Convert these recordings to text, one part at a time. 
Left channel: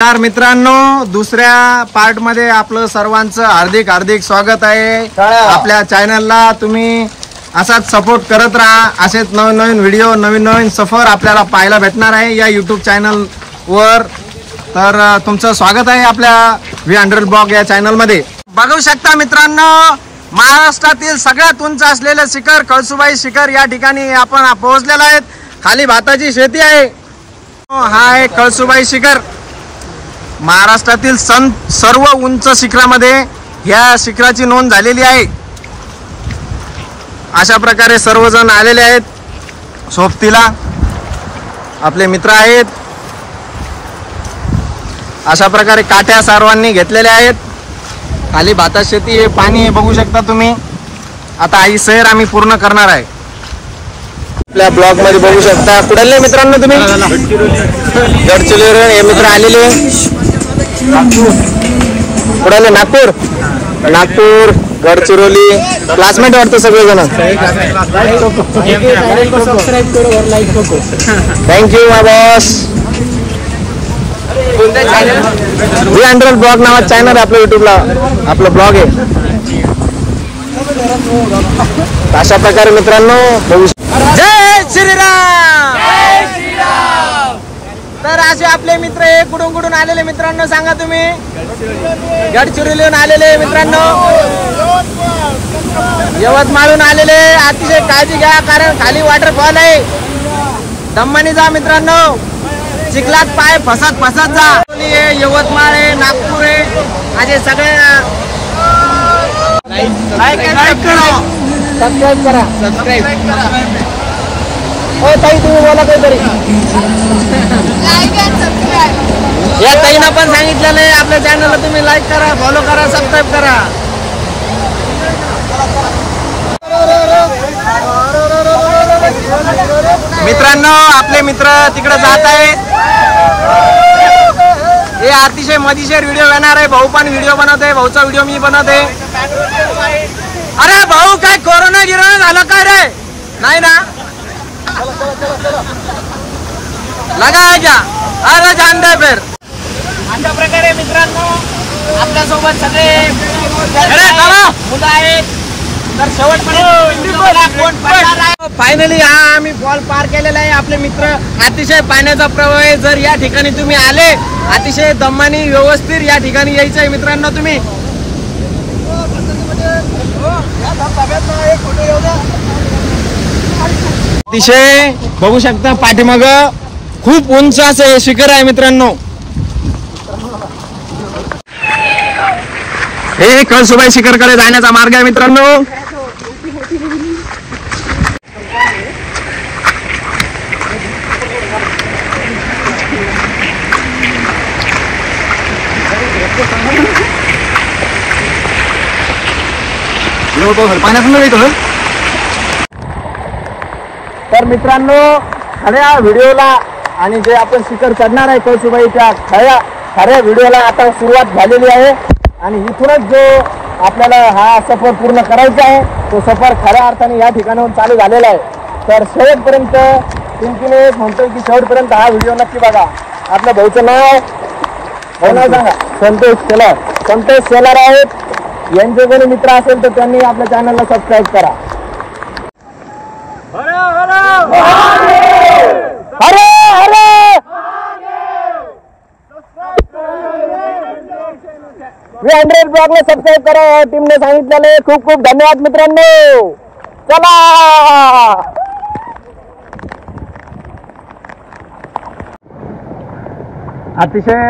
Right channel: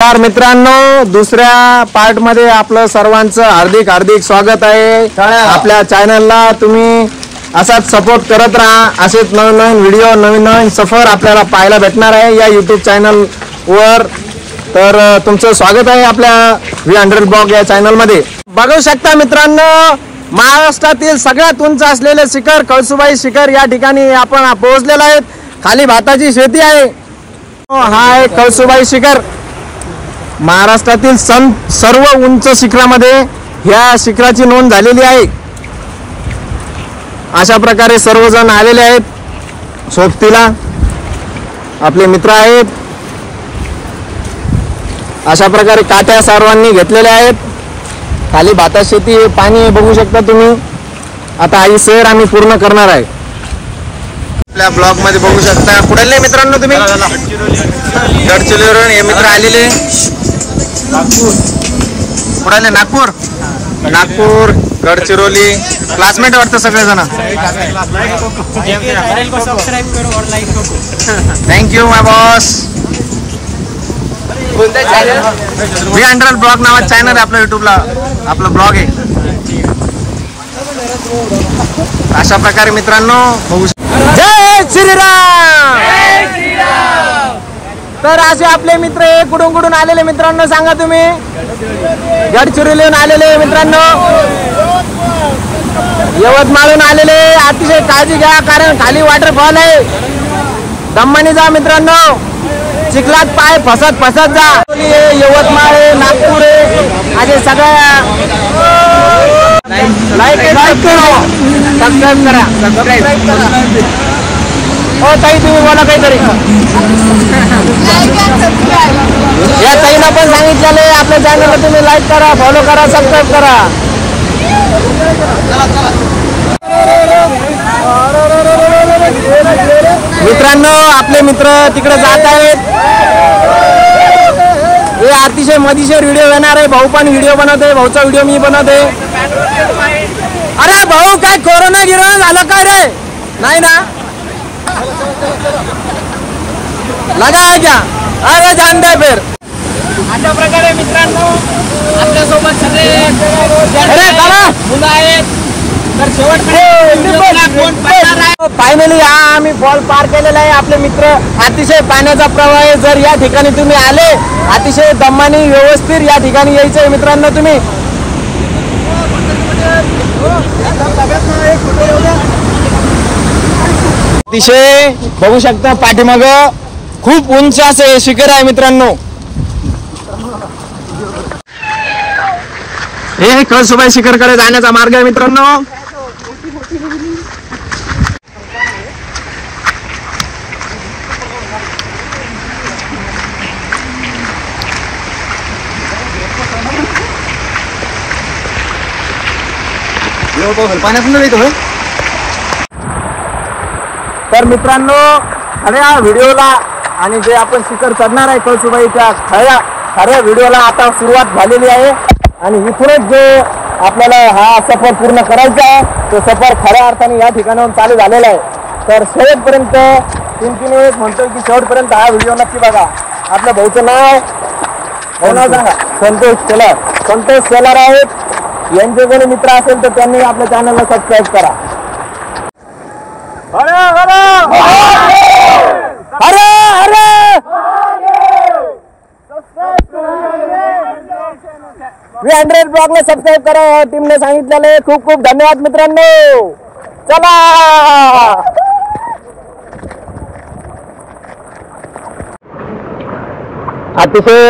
नमस्कार मित्रांनो, दुसऱ्या पार्ट मध्ये आपलं सर्वांचं हार्दिक हार्दिक स्वागत आहे। आपल्या चॅनलला तुम्ही असाच सपोर्ट करत राहा। असेच नवीन नवीन व्हिडिओ नवीन नवीन सफर आपल्याला पाहायला भेटणार आहे या YouTube चॅनल वर। तर तुमचं स्वागत आहे आपल्या V100 ब्लॉग या चॅनल मध्ये। बघू शकता मित्रांनो, महाराष्ट्रातील सगळ्यात उंच असलेले शिखर कळसुबाई शिखर या ठिकाणी आपण पोहोचलेलो आहेत। खाली भाताची शेती आहे। हा आहे कळसुबाई शिखर। महाराष्ट्रातील सर्व उंच शिखरामध्ये ह्या शिखराची नोंद झालेली आहे। अशा प्रकारे सर्वजण आलेले आहेत सोबतीला, आपले मित्र आहेत। अशा प्रकारे काठ्या सर्वांनी घेतलेल्या आहेत। खाली भाता शेती आहे, पाणी बघू शकता तुम्ही। आता ही सैर आम्ही पूर्ण करणार आहे। आपल्या ब्लॉग मध्ये बघू शकता कुठले मित्रांनो तुम्ही गडचिरोली हे मित्र आलेले। कुठले? नागपूर गडचिरोली क्लासमेट वाटतं सगळेजण। थँक्यू माय बॉस। V100 ब्लॉग नावाचं चॅनल आहे आपल्या युट्यूबला, आपला ब्लॉग आहे। अशा प्रकारे मित्रांनो बघू शकता। जय श्रीराम। तर असे आपले मित्र कुठून कुठून आलेले मित्रांनो सांगा तुम्ही? गडचिरोलीहून आलेले मित्रांनो, यवतमाळहून आलेले। अतिशय काळजी घ्या कारण खाली वॉटरफॉल आहे। दम्मानी जा मित्रांनो, चिखलात पाय फसत जा। यवतमाळ आहे, नागपूर आहे, असे सगळ्या लाईक करा, सबस्क्राईब करा। तुम्ही बोला काहीतरी। हे ताईंना पण सांगितलेलं आहे आपल्या चॅनलला तुम्ही लाईक करा, फॉलो करा, सबस्क्राईब करा। मित्रांनो आपले मित्र तिकडे जात आहेत। हे अतिशय मजेशीर व्हिडिओ येणार आहे। भाऊ पण व्हिडिओ बनवत आहे, भाऊचा व्हिडिओ मी बनवत आहे। अरे भाऊ काय कोरोना गिरोना झालं काय रे? नाही ना? लगा है क्या? अरे जानते फिर। अशा प्रकारे मित्रांनो आपल्या सोबत सगळे मुलं आहेत। तर फायनली हा आम्ही फॉल पार केलेला आहे। आपले मित्र अतिशय पाण्याचा प्रवाह आहे। जर या ठिकाणी तुम्ही आले अतिशय दमाने व्यवस्थित या ठिकाणी यायचं आहे मित्रांनो तुम्ही। अतिशय बघू शकता पाठीमाग खूप उंच असे शिखर आहे मित्रांनो। हे कळसुबाई शिखरकडे जाण्याचा मार्ग आहे मित्रांनो। तर मित्रांनो खऱ्या व्हिडिओला आणि जे आपण शिखर चढणार आहे कळसुबाईच्या खऱ्या व्हिडिओला आता सुरुवात झालेली आहे। आणि इथूनच जो आपल्याला हा सफर पूर्ण करायचा आहे तो सफर खऱ्या अर्थाने या ठिकाणाहून चालू झालेला आहे। तर शेवटपर्यंत एक म्हणतोय की शेवटपर्यंत हा व्हिडिओ नक्की बघा। आपल्या भाऊचं नाव सांगा? संतोष शेलार आहेत। यांचे कोणी मित्र असेल तर त्यांनी आपल्या चॅनलला सबस्क्राईब करा। V100 ब्लॉगला सबस्क्राईब करा, टीमने सांगितलेले। खूप खूप धन्यवाद मित्रांनो। चला अतिशय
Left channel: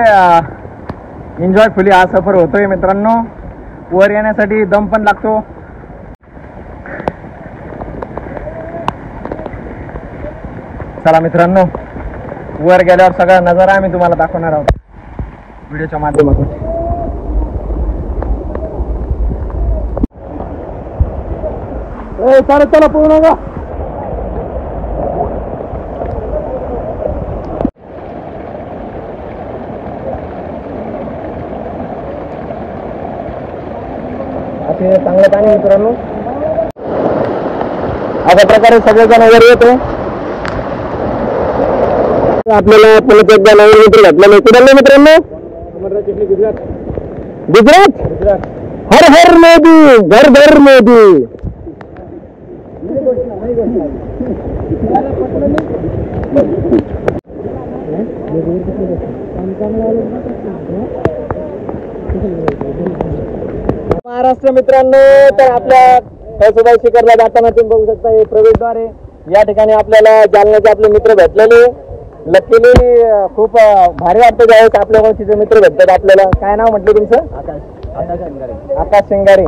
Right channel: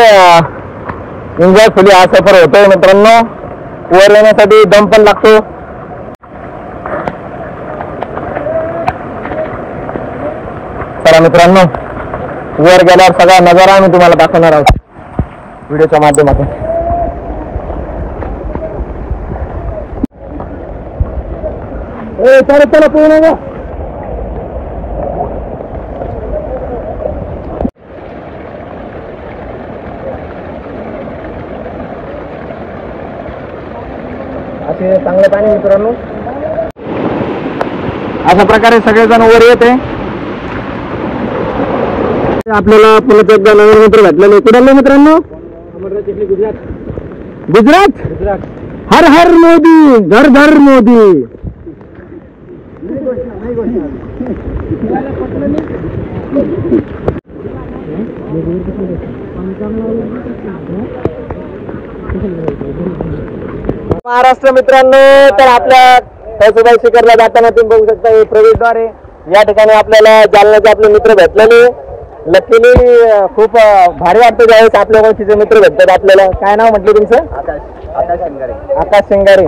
एन्जॉयफुली हा सफर होतोय मित्रांनो। वर येण्यासाठी दम पण लागतो। चला मित्रांनो, वर गेल्यावर सगळा नजारा आम्ही तुम्हाला दाखवणार आहोत व्हिडिओच्या माध्यमातून। चला पूर्ण का असे चांगलं पाणी मित्रांनो। अशा प्रकारे सगळेजण वर येते। आपल्याला पुन्हा एकदा नवीन मित्र भेटलेले कुठले मित्रांनो गुजरात हर हर मोदी घर घर मोदी. महाराष्ट्र मित्रांनो, तर आपल्या कळसुबाई शिखरला जाताना तुम्ही बघू शकता हे प्रवेशद्वार आहे. या ठिकाणी आपल्याला जालन्याचे आपले मित्र भेटलेले. लकीली खूप भारी वाटतं ज्यावेळेस आपल्या ओळखीचे मित्र भेटतात आपल्याला. काय नाव म्हटलं तुमचं? आकाश शिंगारे,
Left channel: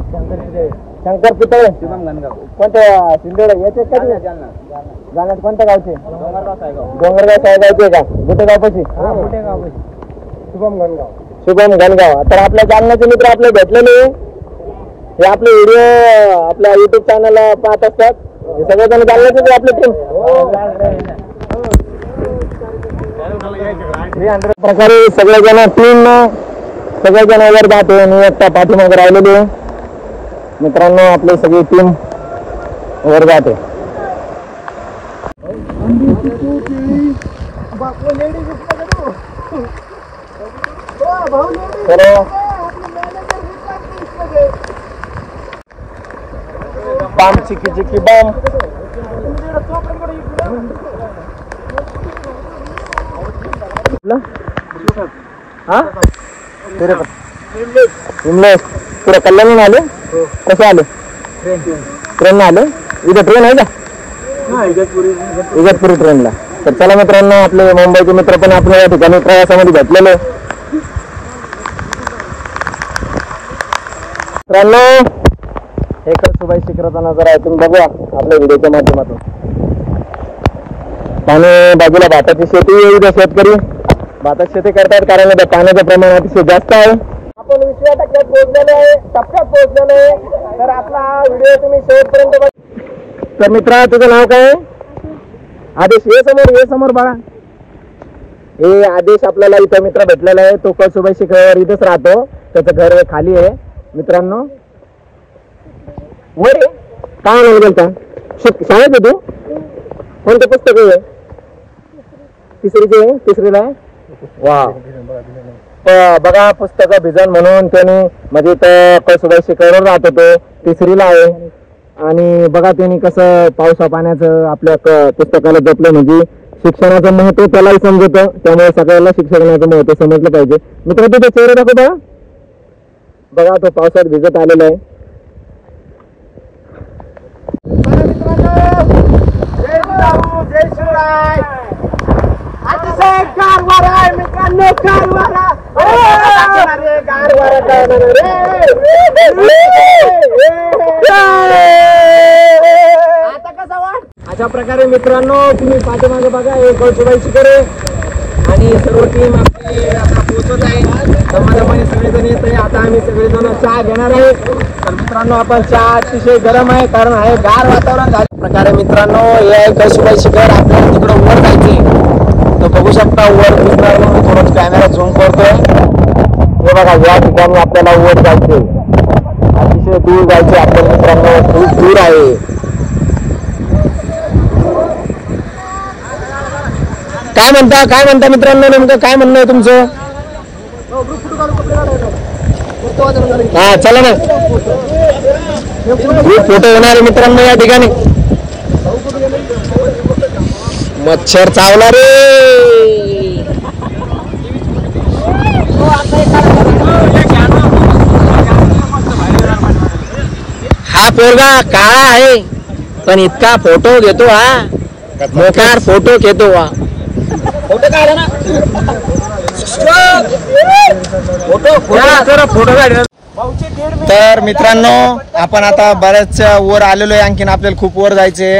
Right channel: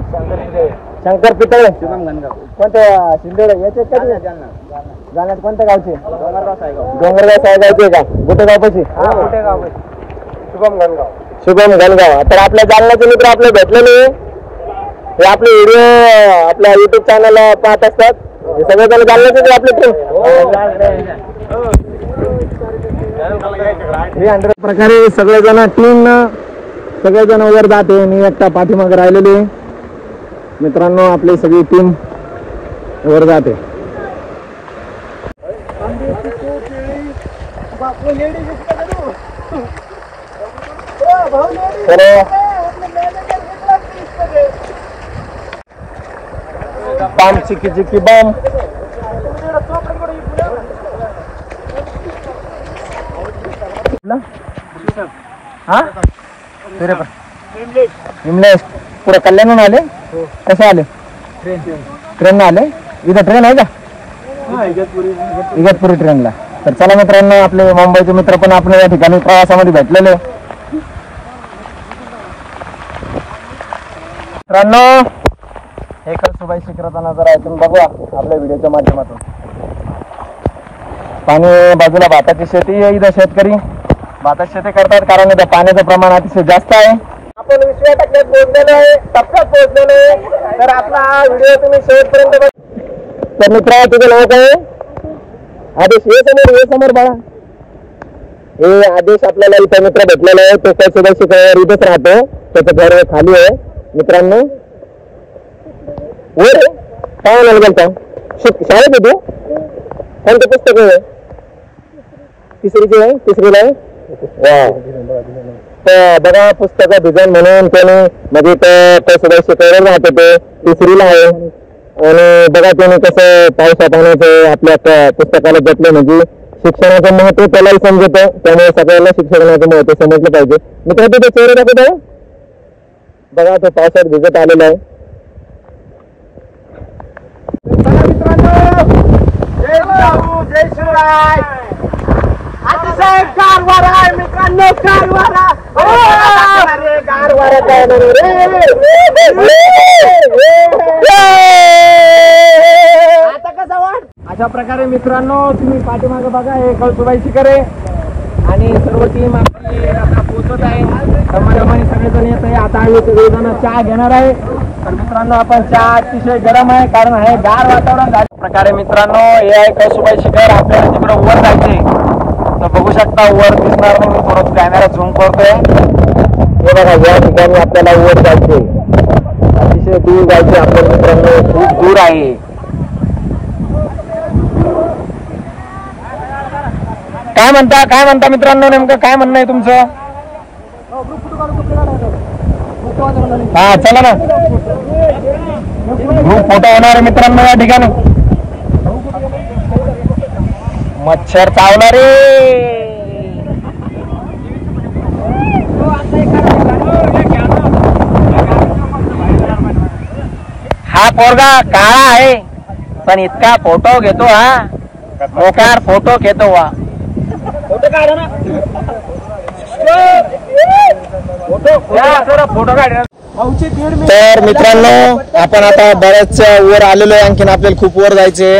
शंकर पितळे, कोणत्या शिंदे याचे कधी जाण्यात कोणत्या गावचे? डोंगरगाव साहेगावचे का? गुटेगावपाशी शुभम घनगाव. तर आपल्या जालन्याचे मित्र आपले भेटलेले. हे आपले व्हिडिओ आपल्या युट्यूब चॅनलला पाहत असतात. हे सगळेजण जालन्याचे आपले टीम. प्रकारे सगळेजण टीम सगळेजण वर जाते. मी एकटा पाठीमागे राहिलेली आहे. मित्रांनो आपली सगळी टीम वर जाते. बम चिकी चिकी बम. पुरा कल्याण आलं. कसं आलं? ट्रेन आलं. इथं ट्रेन आहे ना, इगतपुरी ट्रेनला. तर चला मित्रांनो, आपले मुंबईचे मित्र पण आपण या ठिकाणी प्रवासामध्ये भेटलेलं. मित्रांनो हे कळसुबाई शिखराचा नजारा ऐकून बघा आपल्या व्हिडिओच्या माध्यमातून. आणि बाजूला भाताची शेती आहे. इथं शेतकरी भाताची शेती करतात कारण आता पाण्याचं प्रमाण अतिशय जास्त आहे. आपण 20व्या टप्प्यात पोहोचलेलो आहे, तर आपला हा व्हिडिओ तुम्ही शेवटपर्यंत बघा. तर मित्रा तुझं नाव काय? आदेश. हे समोर बाळा. हे आदेश आपल्याला इथं मित्र भेटलेला आहे. तो कळसुबाई शिखरावर इथंच राहतो. त्याचं घर खाली आहे मित्रांनो. वर काय गेलता शाळेत होतो. कोणतं पुस्तक आहे? तिसरीचे आहे. तिसरीला आहे. बघा पुस्तक डिझाईन म्हणून त्याने म्हणजे कळसुबाई शिखरावर राहत होते. तिसरीला आहे. आणि बघा त्यांनी कसं पावसा पाण्याचं आपल्या पुस्तकाला जपलं. म्हणजे शिक्षणाचं महत्व त्यालाही समजतं. त्यामुळे सगळ्याला शिक्षणाचं महत्व समजलं पाहिजे. मित्र तिथे चेहरा दाखवतो बघा. तो पावसात भिजत आलेला आहे. जय शिवराय. अतिशय गार वारा आहे मित्रांनो. गार वारा. आता कसा वाट. अशा प्रकारे मित्रांनो तुम्ही पाठीमागे बघा हे कळसुबाई शिखर आहे. आणि सर्व टीम आपली आता पोहोचत आहे. दमादमाने सगळेजण येत आहे. आता आम्ही सगळेजण चहा घेणार आहे. तर मित्रांनो आपण चहा अतिशय गरम आहे कारण हे गार वातावरण झालं. प्रकारे मित्रांनो हे कळसुबाई शिखर आपल्याला तिकडं वर जायचे. तर बघू शकता वर दिसणार मग मी थोडं कॅमेरा झूम करतोय. हे बघा या ठिकाणी आपल्याला वर जायचे. अतिशय दूर जायचे आपल्याला मित्रांनो. खूप दूर आहे. काय म्हणता मित्रांनो? नेमकं काय म्हणणं आहे तुमचं? हा चला ना. ग्रुप फोटो होणार आहे मित्रांनो या ठिकाणी. मच्छर चावणार हा पोरगा काळा आहे पण इतका फोटो घेतो. हा मोकार फोटो घेतो. हा फोटो काढा ना. फोटो काढ. तर मित्रांनो आपण आता बऱ्याच वर आलेलो आहे. आणखीन आपल्याला खूप वर जायचे.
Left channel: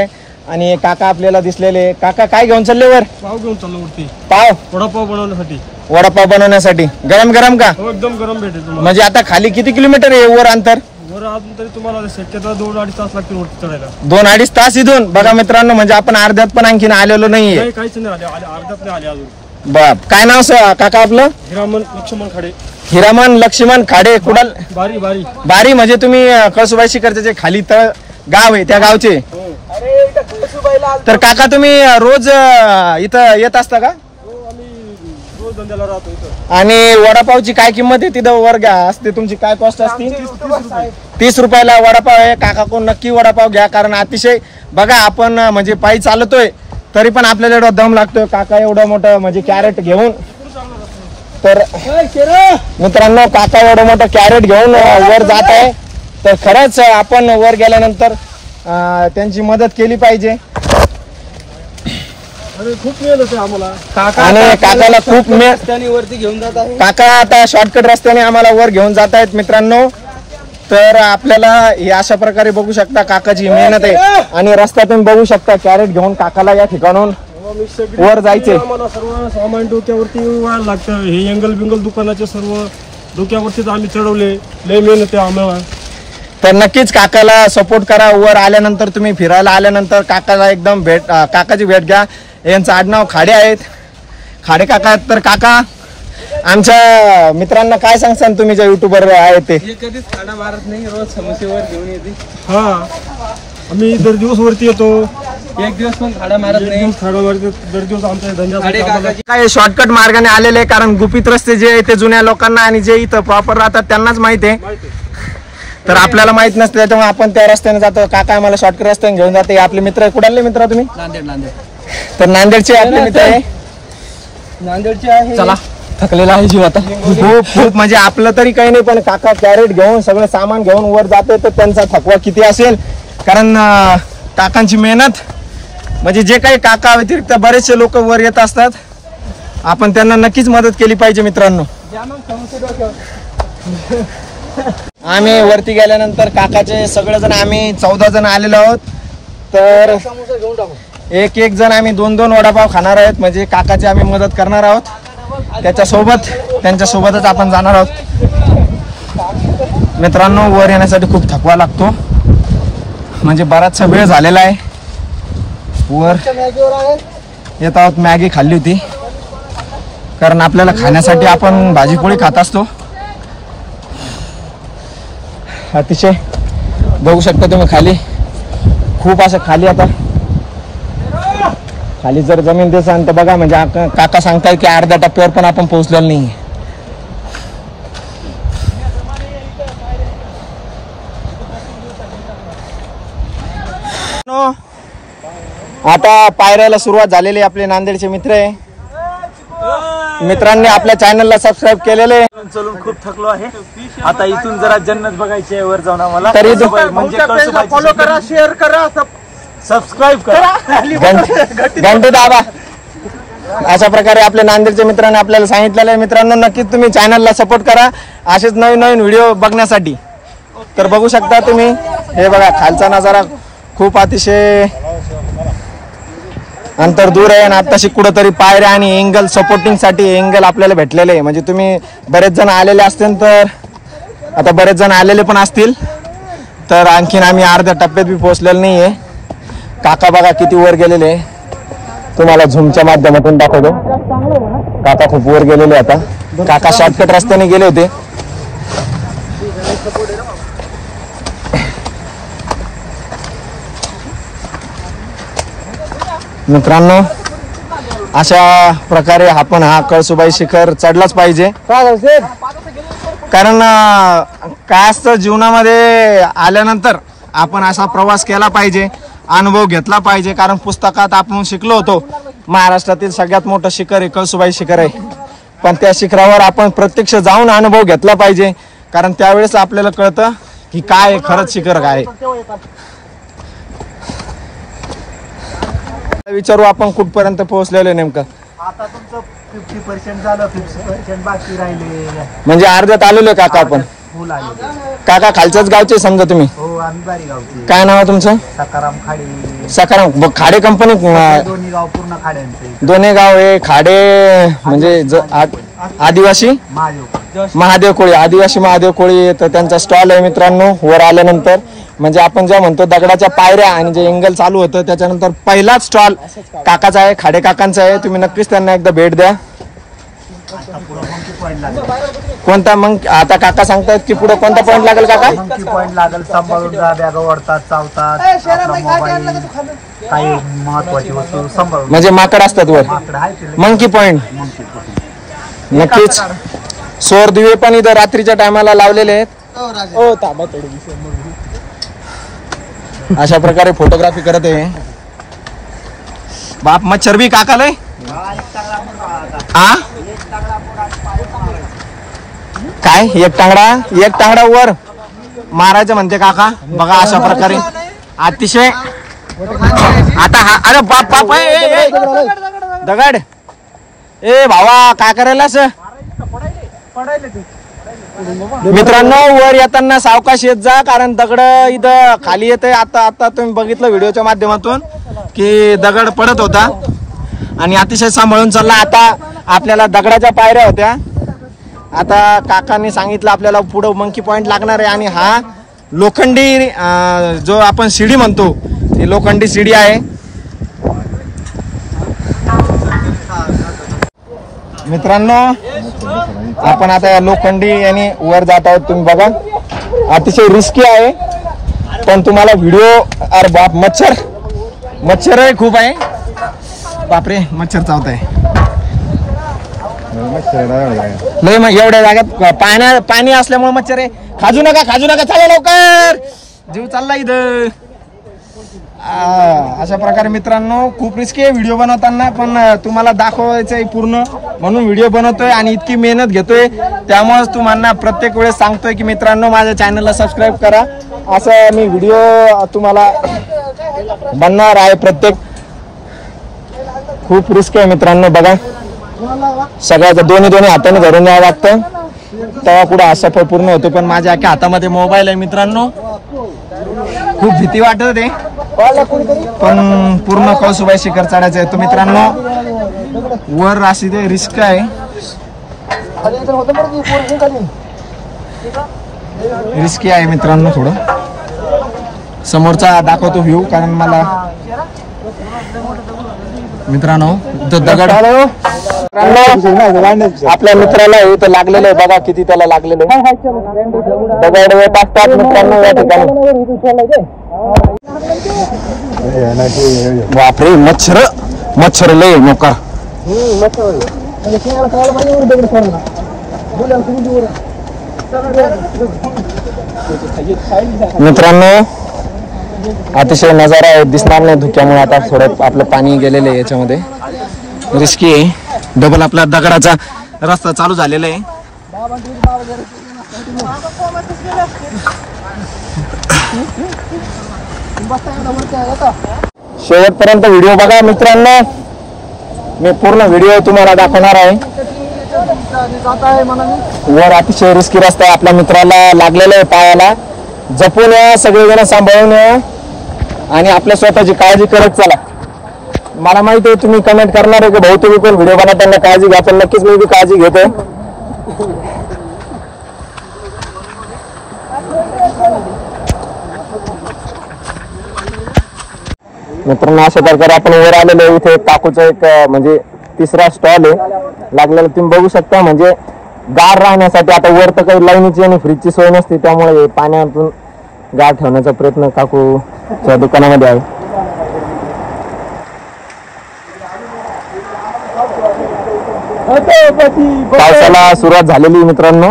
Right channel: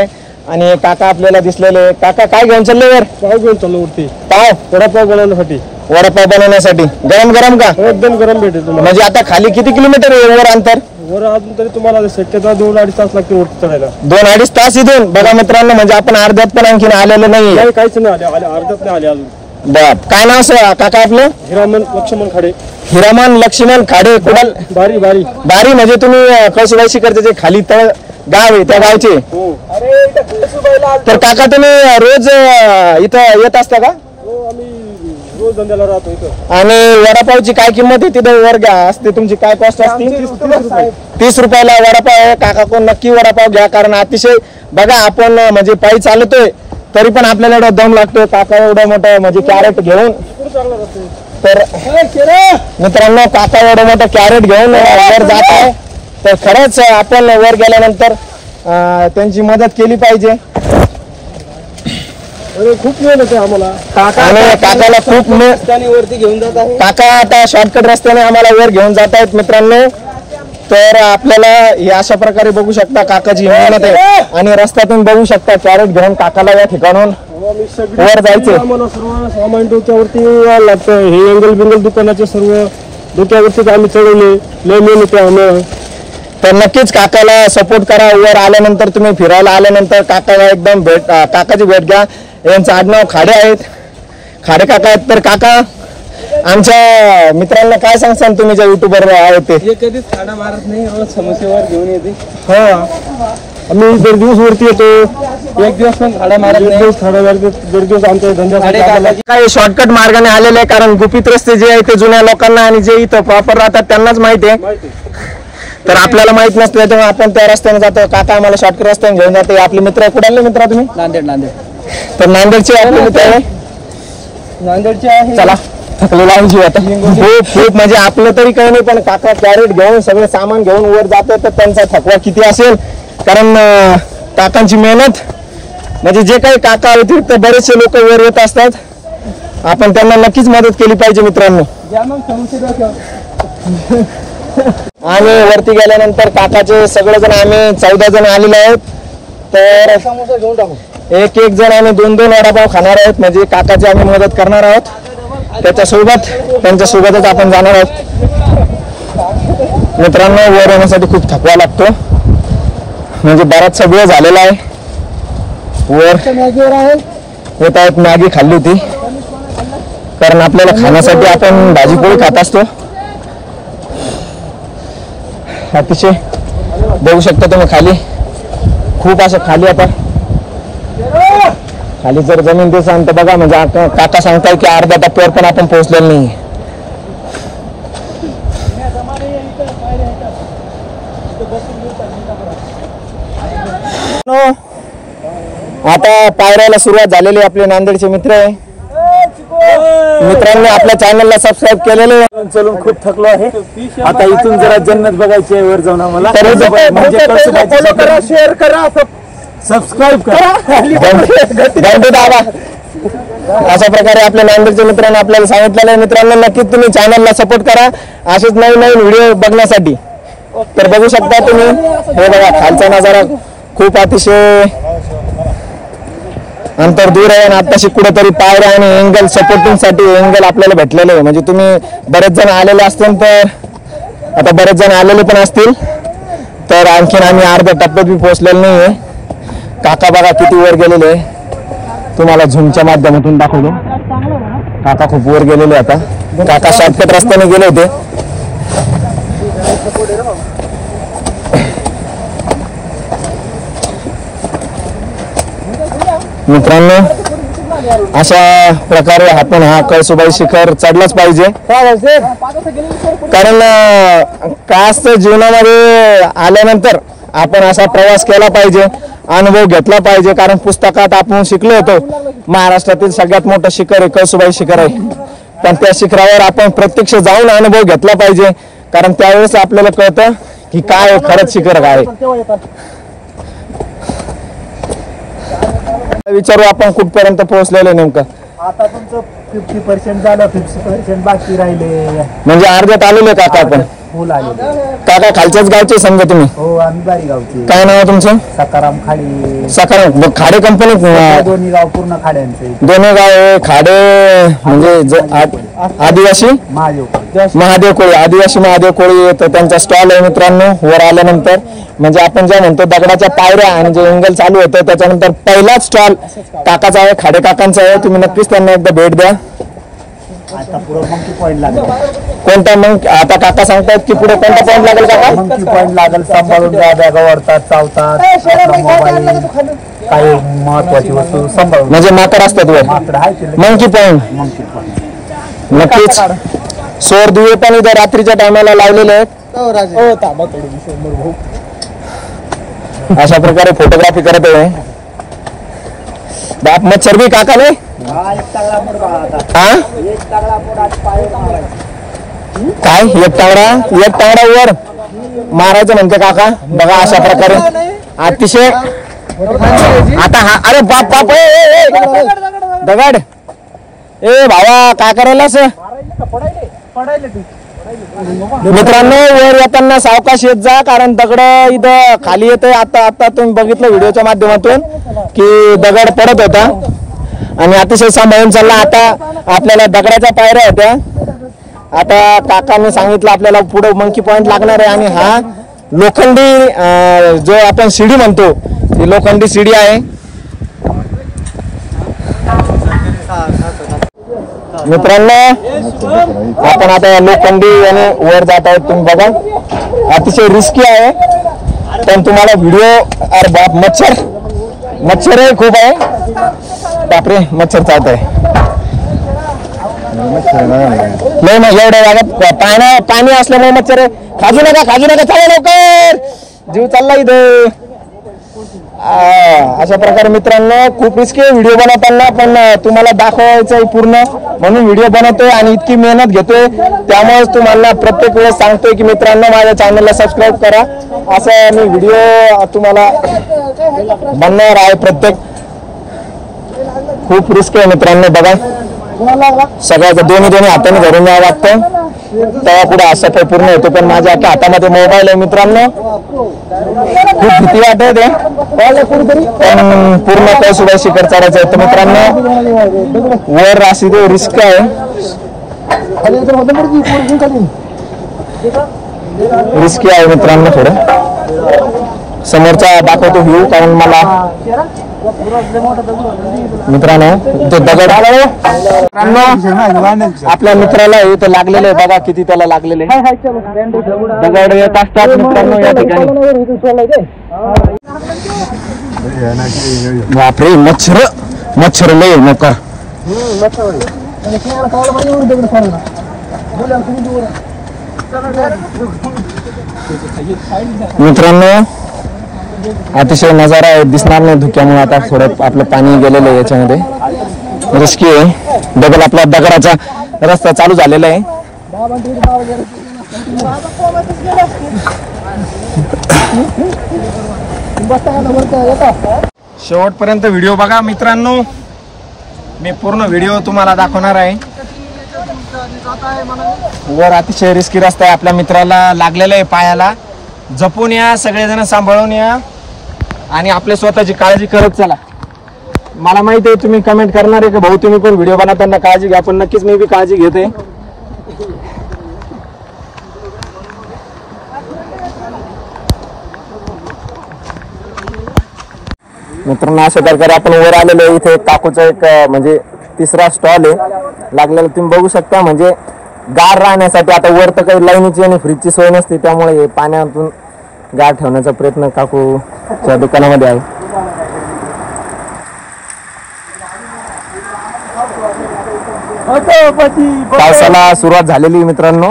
आणि काका आपल्याला दिसलेले. काका काय घेऊन चालले वर? पाव घेऊन चाललो वरती. पाव? वडापाव बनवण्यासाठी. वडापाव बनवण्यासाठी. गरम गरम का? एकदम गरम भेटेल तुम्हाला. म्हणजे आता खाली किती किलोमीटर आहे वर अंतर? वर अजून तरी तुम्हाला शक्यता 2-2.5 तास लागते वरती चढायला. 2-2.5 तास इथून? बघा मित्रांनो म्हणजे आपण अर्ध्यात पण आणखीन आलेलो नाही. काहीच नाही आले. अर्ध्यात नाही आले अजून. बाप काय नाव काका आपलं? हिरामन लक्ष्मण खाडे. हिरामन लक्ष्मण खाडे. कुणाल? बारी. बारी म्हणजे तुम्ही कळसुबाई शिखरचे जे खाली तळ गाव आहे त्या गावचे. तर काका तुम्ही रोज इथं येत असता का? दिवस धंद्याला राहतो इथं. आणि वडापावची काय किंमत आहे तिथं वर घ्या असते, तुमची काय कॉस्ट असते? 30 रुपयाला वडापाव आहे. काका कोण नक्की वडापाव घ्या, कारण अतिशय बघा आपण म्हणजे पायी चालतोय तरी पण आपल्याला एवढा दम लागतोय. काका एवढा मोठा म्हणजे कॅरेट घेऊन, तर मित्रांनो काका एवढं मोठं कॅरेट घेऊन वर जात आहे. तर खरंच आपण वर गेल्यानंतर त्यांची मदत केली पाहिजे. खूप मेहनत आहे आम्हाला. काकाला खूप रस्त्याने वरती घेऊन जात आहे. काका आता शॉर्टकट रस्त्याने आम्हाला वर घेऊन जात आहेत मित्रांनो. तर आपल्याला या अशा प्रकारे बघू शकता काकाची मेहनत आहे. आणि रस्त्यातून बघू शकता कॅरेट घेऊन काकाला या ठिकाणून वर जायचे. आम्हाला सर्व सामान डोक्यावरती लागतं. हे एंगल बिंगल दुकानाचे सर्व डोक्यावरतीच आम्ही चढवले. लय मेहनत आहे आम्हाला. तर नक्कीच काकाला सपोर्ट करा. वर आल्यानंतर तुम्ही फिरायला आल्यानंतर काकाला एकदम काकाची भेट घ्या. यांचं आडनाव खाडे आहेत, खाडे काका आहेत. तर काका आमच्या मित्रांना काय सांगसान तुम्ही ज्या युट्यूबर आहेत ते? हे कधीच खाडा मारत नाही, रोज समस्येवर घेऊन येते. हा आम्ही दर दिवस वरती येतो. एक दिवस पण खाडा मारत नाही. खाडा मारत दर दिवस आमच्या धंद्यात काय शॉर्टकट मार्गाने आलेले आहे, कारण गुपित रस्ते जे आहे ते जुन्या लोकांना आणि जे इथं प्रॉपर राहतात त्यांनाच माहिती आहे. तर आपल्याला माहित नसतं, त्याच्यामुळे आपण त्या रस्त्याने जातो. काका आम्हाला शॉर्टकट रस्त्याने घेऊन जाते. आपले मित्र कुठले मित्र तुम्ही? नांदेड. तर नांदेडचे आपले मित्र आहे. नांदेडचे आहे. चला थकलेला आहे जीव आता. खूप म्हणजे आपलं तरी काही नाही, पण काका कॅरेट घेऊन सगळं सामान घेऊन वर जाते. तर त्यांचा थकवा किती असेल, कारण काकांची मेहनत म्हणजे जे काही काका व्यतिरिक्त बरेचसे लोक वर येत असतात. आपण त्यांना नक्कीच मदत केली पाहिजे मित्रांनो. आम्ही वरती गेल्यानंतर काकाचे सगळेजण आम्ही 14 जण आलेलो आहोत. तर एक जण आम्ही 2 वडापाव खाणार आहोत. म्हणजे काकाची आम्ही मदत करणार आहोत. त्यांच्यासोबतच आपण जाणार आहोत. मित्रांनो वर येण्यासाठी खूप थकवा लागतो, म्हणजे बराचसा वेळ झालेला आहे. वर येत आहोत. मॅगी खाल्ली होती, कारण आपल्याला खाण्यासाठी आपण भाजीपोळी खात असतो. अतिशय बघू शकता तुम्ही खाली, खूप असं खाली होतं. खाली जर जमीन दिसाल तर बघा, म्हणजे आता काका सांगताय की अर्ध्या टप्प्यावर पण आपण पोहोचलेलो नाही. आता पायऱ्याला सुरुवात झालेली. आपले नांदेडचे मित्र आहे. मित्रांनी आपल्या चॅनलला सबस्क्राईब केलेलं आहे. चलून खूप थकलो आहे. आता इथून जरा जन्नत बघायची आहे वर जाऊन आम्हाला. फॉलो करा, शेअर करा, सबस्क्राईब करा, घंटे दाबा. अशा प्रकारे आपल्या नांदेडच्या मित्रांनी आपल्याला सांगितलेलं आहे. मित्रांनो नक्कीच तुम्ही चॅनलला सपोर्ट करा असेच नवीन व्हिडिओ बघण्यासाठी. तर बघू शकता तुम्ही, हे बघा खालचा नजारा खूप अतिशय अंतर दूर आहे. आणि आताशी कुठेतरी पायऱ्या आणि एंगल सपोर्टिंग साठी एंगल आपल्याला भेटलेले आहे. म्हणजे तुम्ही बरेच जण आलेले असतील, तर आता बरेच जण आलेले पण असतील. तर आणखीन आम्ही अर्ध्या टप्प्यात बी पोहोचलेलो नाहीये. काका बघा किती वर गेलेले आहे. तुम्हाला झूमच्या माध्यमातून दाखवतो. काका खूप वर गेलेले. आता काका शॉर्टकट रस्त्याने गेले होते. मित्रांनो अशा प्रकारे आपण हा कळसुबाई शिखर चढलाच पाहिजे. कारण काय असतं जीवनामध्ये आल्यानंतर आपण असा प्रवास केला पाहिजे, अनुभव घेतला पाहिजे. कारण पुस्तकात आपण शिकलो होतो महाराष्ट्रातील सगळ्यात मोठं शिखर आहे कळसुबाई शिखर आहे, पण त्या शिखरावर आपण प्रत्यक्ष जाऊन अनुभव घेतला पाहिजे. कारण त्यावेळेस आपल्याला कळतं की काय खरंच शिखर काय. विचारू आपण कुठपर्यंत पोहोचलेलं नेमकं. आता तुमचं 50% झालं, 50% बाकी राहिले. म्हणजे अर्ध्यात आलो ना काका आपण. फुल आले. काका खालच्याच गावचे समजा तुम्ही? हो आम्ही बारी गावचे. काय नाव आहे तुमचं? सकाराम खाडे. सकाराम खाडे कंपनी? दोन्ही गाव पूर्ण खाड्यांचे. दोन्ही गाव आहे खाडे. म्हणजे आदिवासी महादेव कोळी, आदिवासी महादेव कोळी. तर त्यांचा स्टॉल आहे मित्रांनो वर आल्यानंतर. म्हणजे आपण जे म्हणतो दगडाच्या पायऱ्या आणि जे एंगल चालू होतं त्याच्यानंतर पहिलाच स्टॉल काकाचा आहे, खाडे काकांचा आहे. तुम्ही नक्कीच त्यांना एकदा भेट द्या. आता पुढे मंकी पॉइंट लागेल. कोणता मग आता काका सांगतायत की पुढे कोणता पॉइंट लागेल काका? मंकी पॉइंट लागेल. सांभाळून बॅगा ओढतात, चावतात, आपला मोबाईल, काही महत्वाची वस्तू सांभाळून. म्हणजे माकड असतात वर. माकड आहे. Monkey point. मंकी पॉइंट नक्कीच सौर दिवे पण इथं रात्रीच्या टायमाला लावलेले आहेत. अशा प्रकारे फोटोग्राफी करत आहे. बाप मच्छर बी काका नाही काय एक टांगडा वर मारायचं म्हणते काका. बघा अशा प्रकारे अतिशय आता हा अरे बाप बाप दगड ए भावा काय करायला मित्रांनो वर येताना सावकाश येत जा कारण दगड इथं खाली येते. आता तुम्ही बघितलं व्हिडिओच्या माध्यमातून की दगड पडत होता आणि अतिशय सांभाळून चालला. आता आपल्याला दगडाच्या पायऱ्या होत्या. आता काकाने सांगितलं आपल्याला पुढे मंकी पॉइंट लागणार आहे आणि हा लोखंडी जो आपण शिडी म्हणतो ती लोखंडी शिडी आहे. मित्रांनो आपण आता लोखंडी आणि वर जात आहोत. तुम्ही बघा अतिशय रिस्की आहे पण तुम्हाला व्हिडिओ अरे बाप मच्छर आहे खूप आहे. बापरे मच्छर चावत आहे. नाही मग एवढ्या जागेत पाणी असल्यामुळे मच्छर आहे. खाजू नका चला लवकर जीव चालला इथं. अशा प्रकारे मित्रांनो खूप रिस्की व्हिडिओ बनवताना पण तुम्हाला दाखवायचं आहे पूर्ण म्हणून व्हिडिओ बनवतोय आणि इतकी मेहनत घेतोय. त्यामुळेच तुम्हाला प्रत्येक वेळेस सांगतोय की मित्रांनो माझ्या चॅनलला सबस्क्राईब करा. असं मी व्हिडिओ तुम्हाला बनवणार आहे. प्रत्येक खूप रिस्क आहे मित्रांनो. बघा सगळ्याचं दोन्ही हाताने धरून जावं लागतं तेव्हा पुढे असं काय पूर्ण होतं. पण माझ्या हातामध्ये मोबाईल आहे मित्रांनो. खूप भीती वाटत आहे पण पूर्ण कोसुबा शिखर चढायचं आहे. तर मित्रांनो वर अशी ते रिस्क आहे. रिस्की आहे मित्रांनो. थोडं समोरचा दाखवतो व्ह्यू कारण मला मित्रांनो तो दगड आपल्या मित्राला इथं लागलेलं आहे. बघा किती त्याला लागलेलं आहे. दगड येत असतात मित्रांनो या ठिकाणी. बापरे मच्छर लय नका मित्रांनो. अतिशय नजारा दिसणार नाही धुक्यामुळे. आता थोडं आपलं पाणी गेलेलं आहे याच्यामध्ये रिस्की आहे. डबल आपला दगडाचा रस्ता चालू झालेला आहे. शेवटपर्यंत व्हिडिओ बघा मित्रांनो. मी पूर्ण व्हिडिओ तुम्हाला दाखवणार आहे. वर अतिशय रिस्की रस्ता आहे. आपल्या मित्राला लागलेला आहे पायाला. जपून या सगळेजण सांभाळून या आणि आपल्या स्वतःची काळजी करत चला. मला माहिती आहे तुम्ही कमेंट करणार आहे की भाऊ तुम्ही पण व्हिडिओ बनवताना काळजी घ्या. पण नक्कीच मी बी काळजी घेतोय. मित्रांनो अशा प्रकारे आपण वर आलेलो. इथे काकूचा एक म्हणजे तिसरा स्टॉल आहे लागलेला तुम्ही बघू शकता. म्हणजे गार राहण्यासाठी आता वर तर काही लाईनीची आणि फ्रीजची सोय नसते त्यामुळे पाण्यातून गार ठेवण्याचा प्रयत्न काकूच्या दुकानामध्ये आहे. पावसाला सुरुवात झालेली मित्रांनो.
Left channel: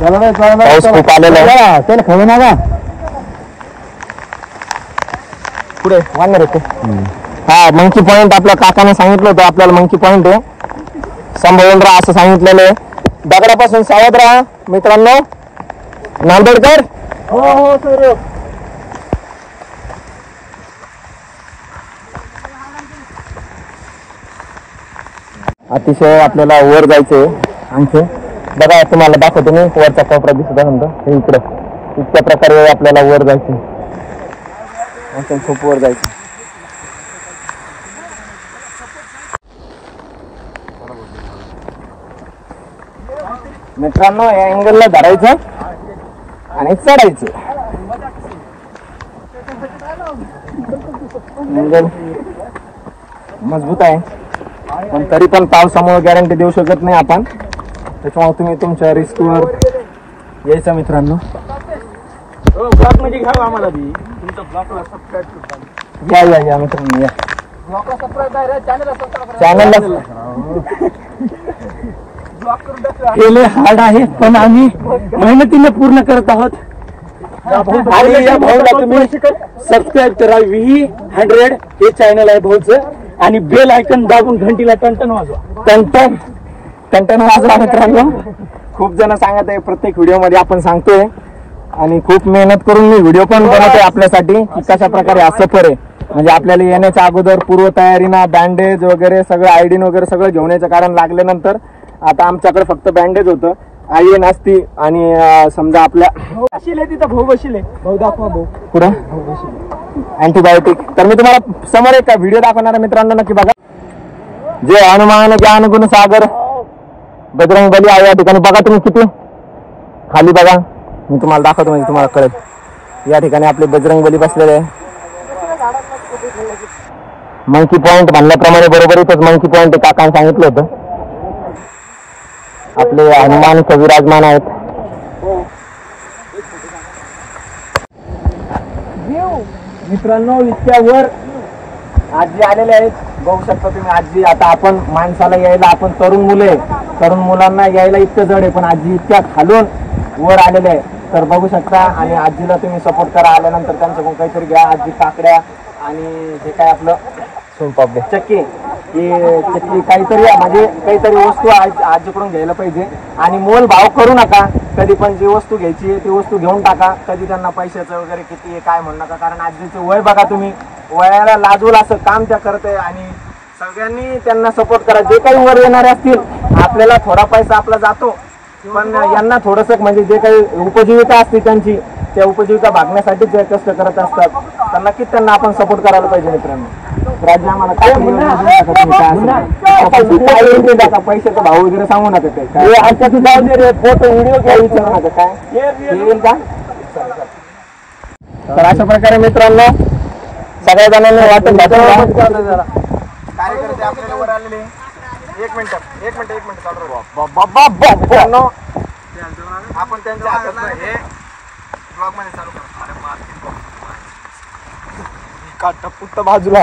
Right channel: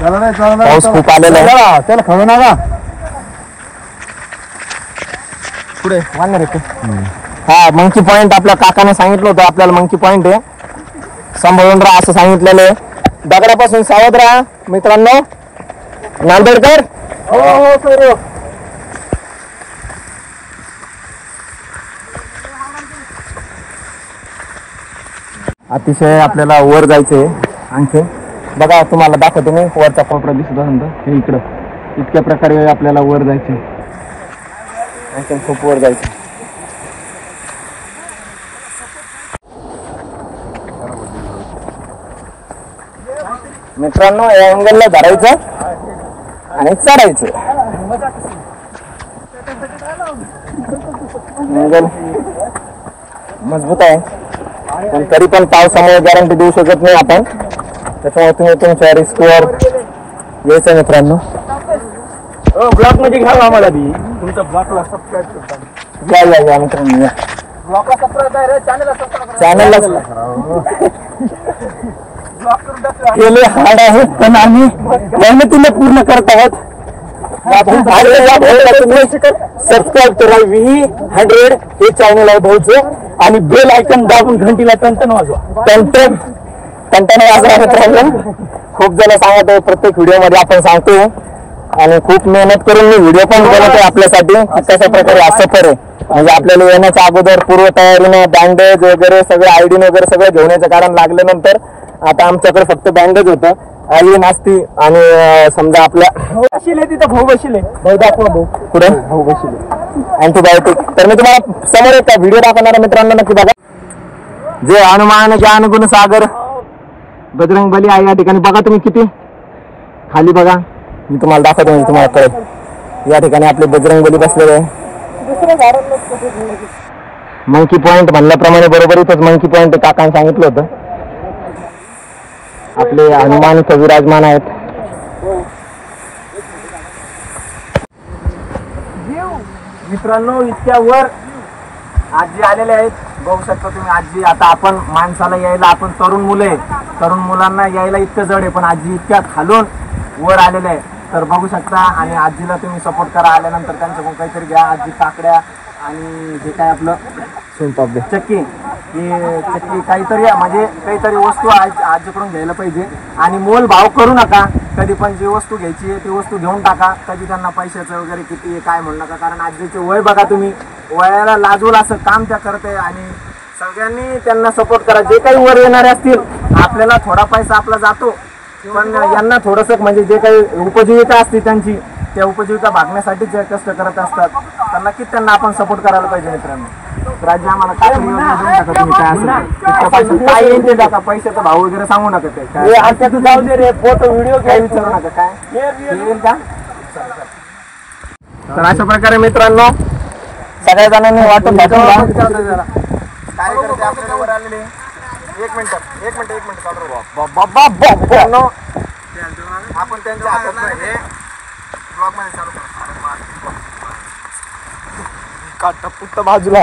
पाऊस खूप आलेला आहे. पुढे वाढणार आहे. हा मंकी पॉइंट आपल्या काकाने सांगितलं होतं आपल्याला मंकी पॉइंट आहे. सांभाळून राहा असं सांगितलेलं आहे. दगडापासून सावध राहा मित्रांनो. नांदेडकर हो सर. अतिशय आपल्याला वर जायचंय. आणखी बघा तुम्हाला दाखवतो मी वरचा कोपरा दिसत आहे इकडं. इतक्या प्रकारे आपल्याला वर जायचंय. खूप वर जायचं मित्रांनो. या अँगलला धरायचं आणि चढायचं. मजबूत आहे पण तरी पण पावसामुळे गॅरंटी देऊ शकत नाही आपण. त्याच्यामुळे तुम्ही तुमच्या रिस्कवर यायचं मित्रांनो. ब्लॉक मध्ये घ्या आम्हाला बी तुमच्या ब्लॉकला सबस्क्राईब या मित्रांनो. ब्लॉकला सबस्क्राईब आहे चॅनलला केले हार्ड आहे पण आम्ही मेहनतीने पूर्ण करत आहोत. सबस्क्राईब करा. V100 हे चॅनल आहे भाऊचं आणि बेल आयकन दाबून घंटीला टनटन वाजवा. टनटन वाजवा मित्रांनो. खूप जण सांगत आहे प्रत्येक व्हिडिओ मध्ये आपण सांगतोय आणि खूप मेहनत करून मी व्हिडिओ पण बनवत आहे आपल्यासाठी. कशा प्रकारे हा सफर आहे म्हणजे आपल्याला येण्याच्या अगोदर पूर्व तयारीनं बँडेज वगैरे सगळे आयडीन वगैरे सगळं घेऊन यायचं कारण लागल्यानंतर आता आमच्याकडे फक्त बँडेज होतं आयडीन असते आणि समजा आपल्या बसले तिथं भाऊ बसले भाऊ दाखवा भाऊ पुढे भाऊ बसले अँटीबायोटिक. तर मी तुम्हाला समोर एक व्हिडिओ दाखवणार मित्रांनो नक्की बघा. जय हनुमान ज्ञान गुण सागर बजरंग बली आहे या ठिकाणी. बघा तुम्ही किती खाली बघा मी तुम्हाला दाखवतो म्हणजे तुम्हाला कळेल. या ठिकाणी आपले बजरंग बली बसलेले आहे. मंकी पॉइंट म्हणल्याप्रमाणे बरोबर इथंच मंकी पॉइंट काकाने सांगितलं होतं. आपले हनुमान इथं विराजमान आहेत. मित्रांनो इतक्यावर आजी आलेले आहेत बघू शकता तुम्ही. आजी आता आपण माणसाला यायला आपण तरुण मुले तरुण मुलांना यायला इतकं जड आहे पण आजी इतक्या खालून वर आलेले आहे. तर बघू शकता आणि आजीला तुम्ही सपोर्ट करा. आल्यानंतर त्यांच्याकडून काहीतरी घ्या. आजी काकड्या आणि जे काय आपलं चक्की हे चक्की काहीतरी म्हणजे काहीतरी वस्तू आजीकडून घ्यायला पाहिजे. आणि मोल भाव करू नका. कधी पण जी वस्तू घ्यायची आहे ती वस्तू घेऊन टाका. कधी त्यांना पैशाचं वगैरे किती आहे काय म्हणू नका कारण आजीचे वय बघा तुम्ही. वयाला लाजवून असं काम त्या करत आहे आणि सगळ्यांनी त्यांना सपोर्ट करा. जे काही वर येणारे असतील आपल्याला थोडा पैसा आपला जातो पण यांना थोडंसं म्हणजे जे काही उपजीविका असते त्यांची त्या उपजीविका भागण्यासाठी जे कष्ट करत असतात तर नक्कीच त्यांना आपण सपोर्ट करायला पाहिजे मित्रांनो. राज्य आम्हाला पैशाचा भाव वगैरे सांगू नका. ते जाऊ दे रे फोटो व्हिडिओ घ्या विचारू नका काय का. तर अशा प्रकारे मित्रांनो सगळ्या जणांनी वाटून कार्यकर्ते आपल्याला वर आलेले. एक मिनिट चालू आपण त्यांच्या हातात हे ब्लॉग मध्ये चालू काटा बाजूला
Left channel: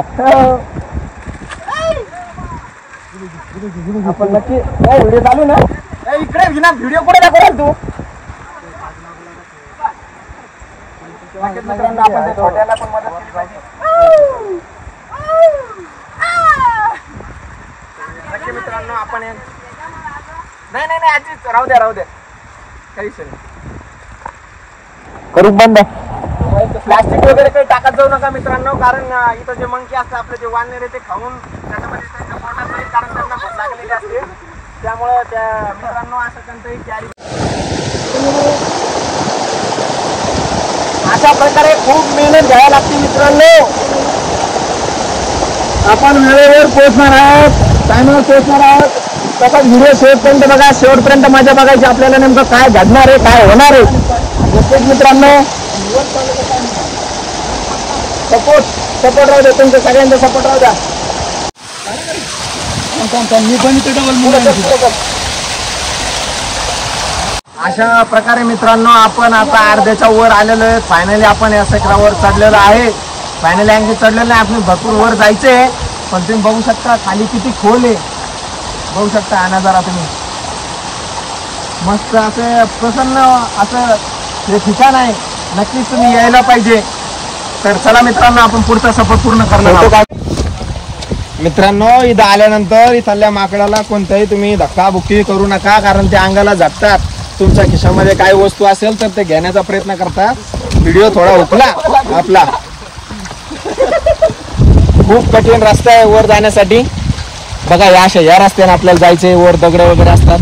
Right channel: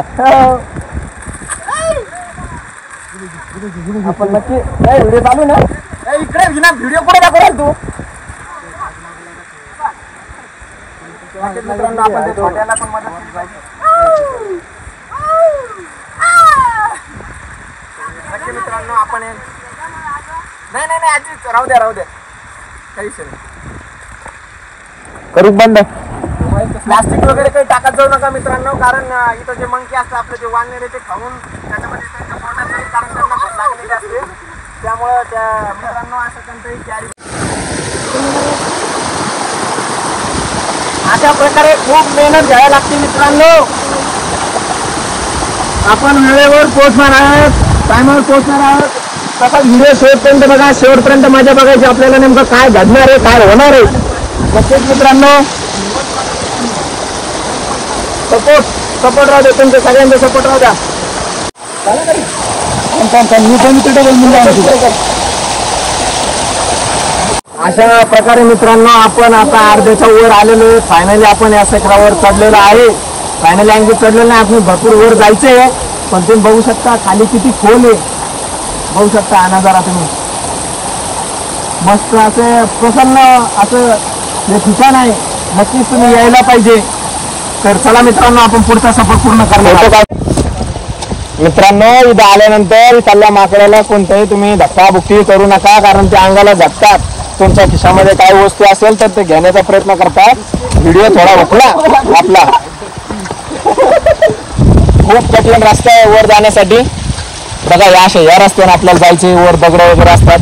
आपण नक्की व्हिडिओ चालू ना इकडे व्हिडिओ कुठे दाखवला तू. मित्रांनो आपण त्या छोट्याला पण मदत नक्की मित्रांनो आपण नाही आजी राहू द्या काही करू बंद. प्लास्टिक वगैरे काही टाकत जाऊ नका मित्रांनो कारण इथं जे मंकी असतं आपलं जे वाननेरे ते खाऊन त्याच्यामध्ये त्यांच्या पोटात जाईल कारण त्यांना भूक लागलेली असते. त्यामुळं त्या मित्रांनो असं कोणतंही कॅरी अशा प्रकारे खूप मेहनत घ्यावी लागते मित्रांनो. आपण वेळेवर पोहोचणार आहोत टायमावर पोहोचणार आहोत. तसा व्हिडिओ शेवटपर्यंत बघा. शेवटपर्यंत माझ्या बघायचं आपल्याला नेमकं काय घडणार आहे काय होणार आहे. मित्रांनो सपोर्ट राहू द्या. तुमच्या सगळ्यांचा सपोर्ट राहू द्या. अशा प्रकारे मित्रांनो आपण आता अर्ध्याच्या वर आलेलो आहे. फायनली आपण या शिखरावर चढलेलो आहे. फायनली आणखी चढलेलं नाही. आपण भरपूर वर जायचंय पण तुम्ही बघू शकता खाली किती खोल आहे. बघू शकता हा नजारा तुम्ही. मस्त असे प्रसन्न असं हे ठिकाण आहे. नक्कीच तुम्ही यायला पाहिजे. तर चला मित्रांनो आपण पुढचा सफर पूर्ण करणार आहोत. मित्रांनो इथं आल्यानंतर चालल्या माकडाला कोणत्याही तुम्ही धक्काबुक्की करू नका कारण ते अंगाला झटतात. तुमच्या खिशामध्ये काही वस्तू असेल तर ते घेण्याचा प्रयत्न करतात. व्हिडिओ थोडा होता आपला खूप कठीण रस्ता आहे वर जाण्यासाठी. बघा या रस्त्याने आपल्याला जायचे. वर दगड वगैरे असतात.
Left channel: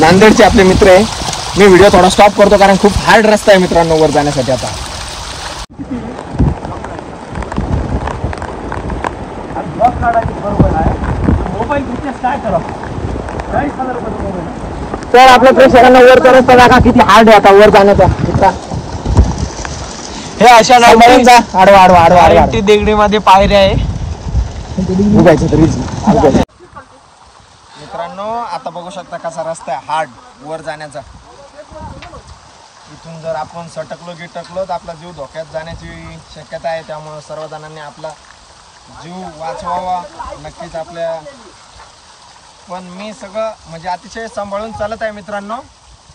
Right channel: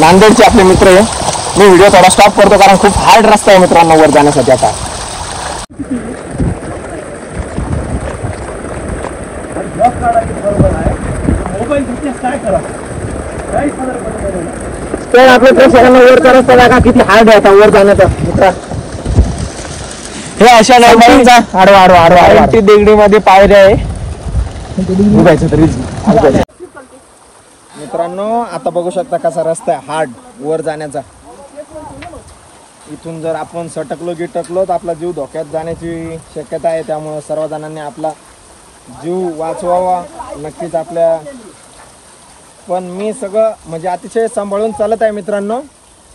नांदेडचे आपले मित्र आहे. मी व्हिडिओ थोडा स्टॉप करतो कारण खूप हार्ड रस्ता आहे मित्रांनो वर जाण्यासाठी. आता तर आपल्या प्रेक्षकांना वरचा रस्ता दाखवा किती हार्ड आहे आता वर जाण्याचा. मित्रा हे अशा आडवा देगडीमध्ये पायऱ्या आहे. मित्रांनो आता बघू शकता कसा रस्ता आहे हार्ड वर जाण्याचा. इथून जर आपण सटकलो गिटकलो तर आपला जीव धोक्यात जाण्याची शक्यता आहे. त्यामुळे सर्व जणांनी आपला जीव वाचवावा नक्कीच आपल्या, पण मी सगळं म्हणजे अतिशय सांभाळून चालत आहे मित्रांनो.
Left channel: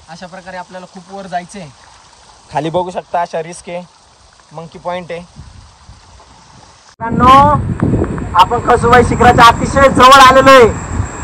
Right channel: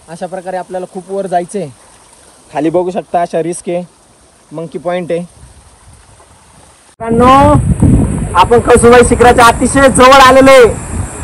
अशा प्रकारे आपल्याला खूप वर जायचंय. खाली बघू शकता अशा रिस्क आहे, मंकी पॉइंट आहे मित्रांनो. आपण कळसुबाई शिखराच्या अतिशय जवळ आलेलो आहे.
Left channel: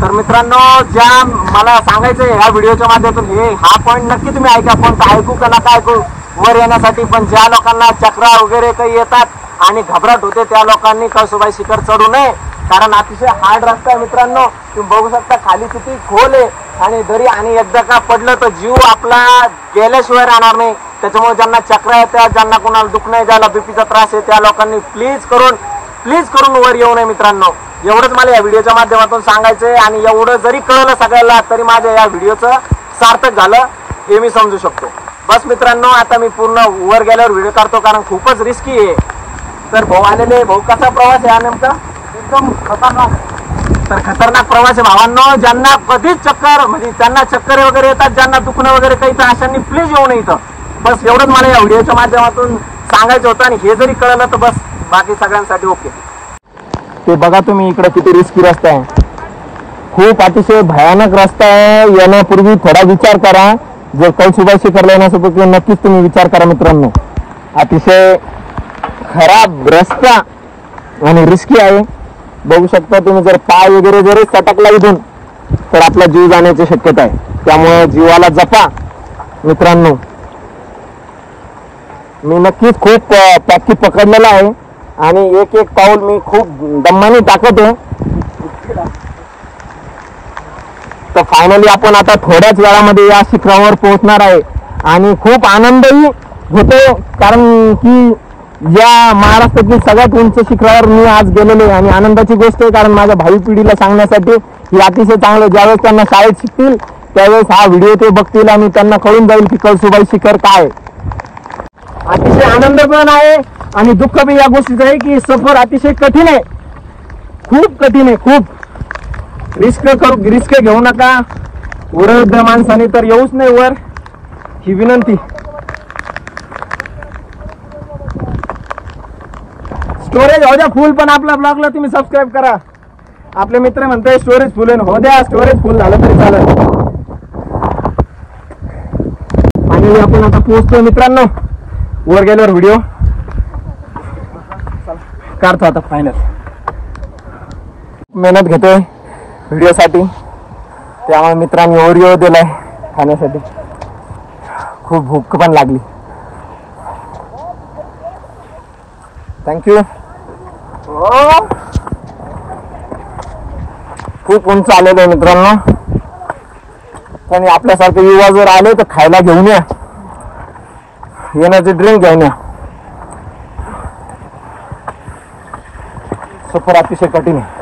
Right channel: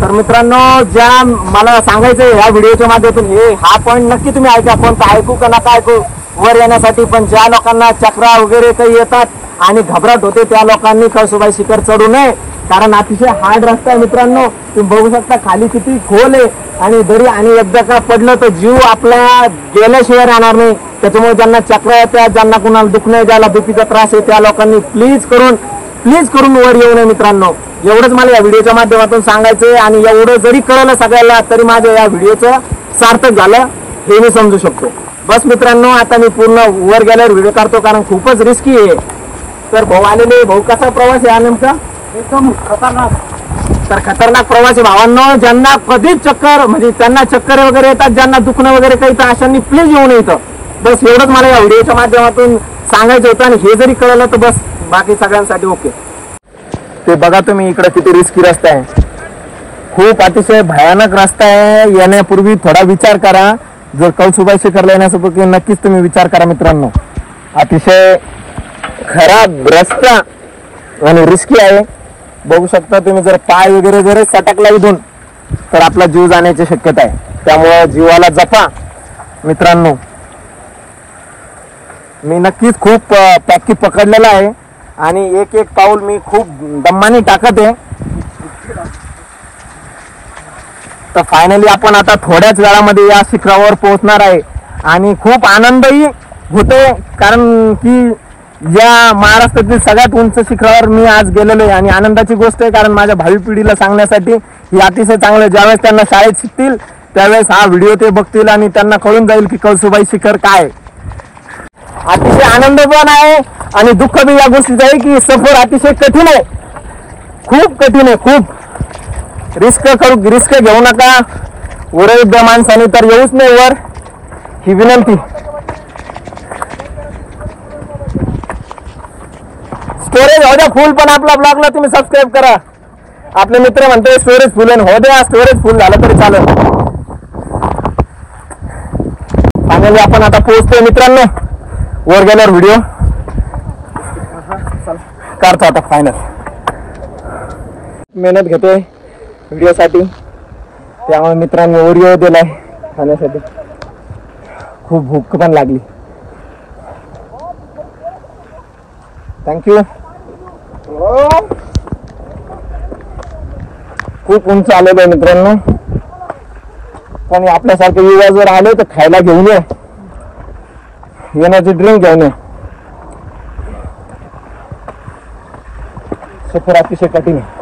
तर मित्रांनो, ज्या मला सांगायचंय या व्हिडिओच्या माध्यमातून हा पॉइंट नक्की तुम्ही ऐका. पण ऐकू का नका ऐकू वर येण्यासाठी, पण ज्या लोकांना चक्रा वगैरे काही येतात आणि घबराट होते त्या लोकांनी कळसुबाई शिखर चढू नये, कारण अतिशय हार्ड रस्ता आहे मित्रांनो. तुम्ही बघू शकता खाली किती खोल आहे आणि दरी, आणि एकदा का पडलं तर जीव आपला गेल्याशिवाय राहणार नाही. त्याच्यामुळे ज्यांना चक्रा येतात, ज्यांना कुणाला दुखणं ज्याला बीपीचा त्रास आहे त्या लोकांनी प्लीज करून वर येऊ नये मित्रांनो. एवढंच मला या व्हिडिओच्या माध्यमातून सांगायचंय, आणि एवढं जरी कळलं सगळ्याला तरी माझ्या या व्हिडिओचं सार्थक झालं हे मी समजू शकतो. बस मित्रांनो, आता मी पूर्ण वर गेल्यावर व्हिडिओ काढतो, कारण खूपच रिस्की आहे. तर भाऊ आलेले. भाऊ, कसा प्रवास आहे हा नेमका? एकदम खतरनाक. तर खतरनाक प्रवास आहे भावांनो. ज्यांना कधीच चक्कर म्हणजे त्यांना चक्कर वगैरे येतात, ज्यांना दुखणं वगैरे काही, तर अशांनी प्लीज येऊ नये. बस एवढंच मला या व्हिडिओच्या माध्यमातून सांगायचं होतं, आणि हे जरी कळलं तर बस बाकी सगळ्यांसाठी ओके. ते बघा तुम्ही इकडे किती रिस्की रस्ता आहे, खूप अतिशय भयानक रस्ता आहे. येण्यापूर्वी थोडा विचार करा. जर कळसुबाई शिखरला येण्यापूर्वी नक्कीच तुम्ही विचार करा मित्रांनो. अतिशय खराब रस्ता आणि रिस्की आहे. बघू शकता तुम्ही, जर पाय वगैरे जर सटकला इथून तर आपला जीव जाण्याची शक्यता आहे. त्यामुळे जीवाला जपा मित्रांनो. मी नक्कीच खूप पॅकी पकडलेला आहे आणि एक एक पाऊल मी खूप दम्माने टाकत आहे. तर फायनली आपण आता थोड्याच वेळामध्ये या शिखरावर पोहोचणार आहे, आणि खूप आनंदही होते, कारण की या महाराष्ट्रातील सगळ्यात उंच शिखरावर मी आज गेलेलो आहे. आणि आनंदाची गोष्ट आहे, कारण माझ्या भावी पिढीला सांगण्यासाठी ही अतिशय चांगलं, ज्यावेळेस त्यांना शाळेत शिकतील त्यावेळेस हा व्हिडिओ ते बघतील आणि त्यांना कळून जाईल की कळसुबाई शिखर काय. अतिशय आनंद पण आहे आणि दुःख बी या गोष्टीचं आहे की सफर अतिशय कठीण आहे, खूप कठीण आहे. खूप रिस्क घेऊ नका. वयोवृद्ध माणसाने तर येऊच नाही वर, ही विनंती. स्टोरेज हो द्या फुल, पण आपल्या ब्लॉगला तुम्ही सबस्क्राईब करा. आपले मित्र म्हणते स्टोरेज फुल हो द्या, स्टोरेज फुल झालं तरी चालेल. फायनली आपण आता पोहोचतोय मित्रांनो. वर गेल्यावर व्हिडिओ काढतो आता. फायनल मेहनत घेतोय व्हिडिओसाठी, त्यामुळे मित्रांनी ओरिओ दिलाय खाण्यासाठी. खूप भूक पण लागली. थँक्यू. खूप उंच आलेलं आहे मित्रांनो, पण आपल्यासारखे युवा जर आले तर खायला घेऊन या, एनर्जी ड्रिंक घेऊन या. सफर अतिशय कठीण आहे.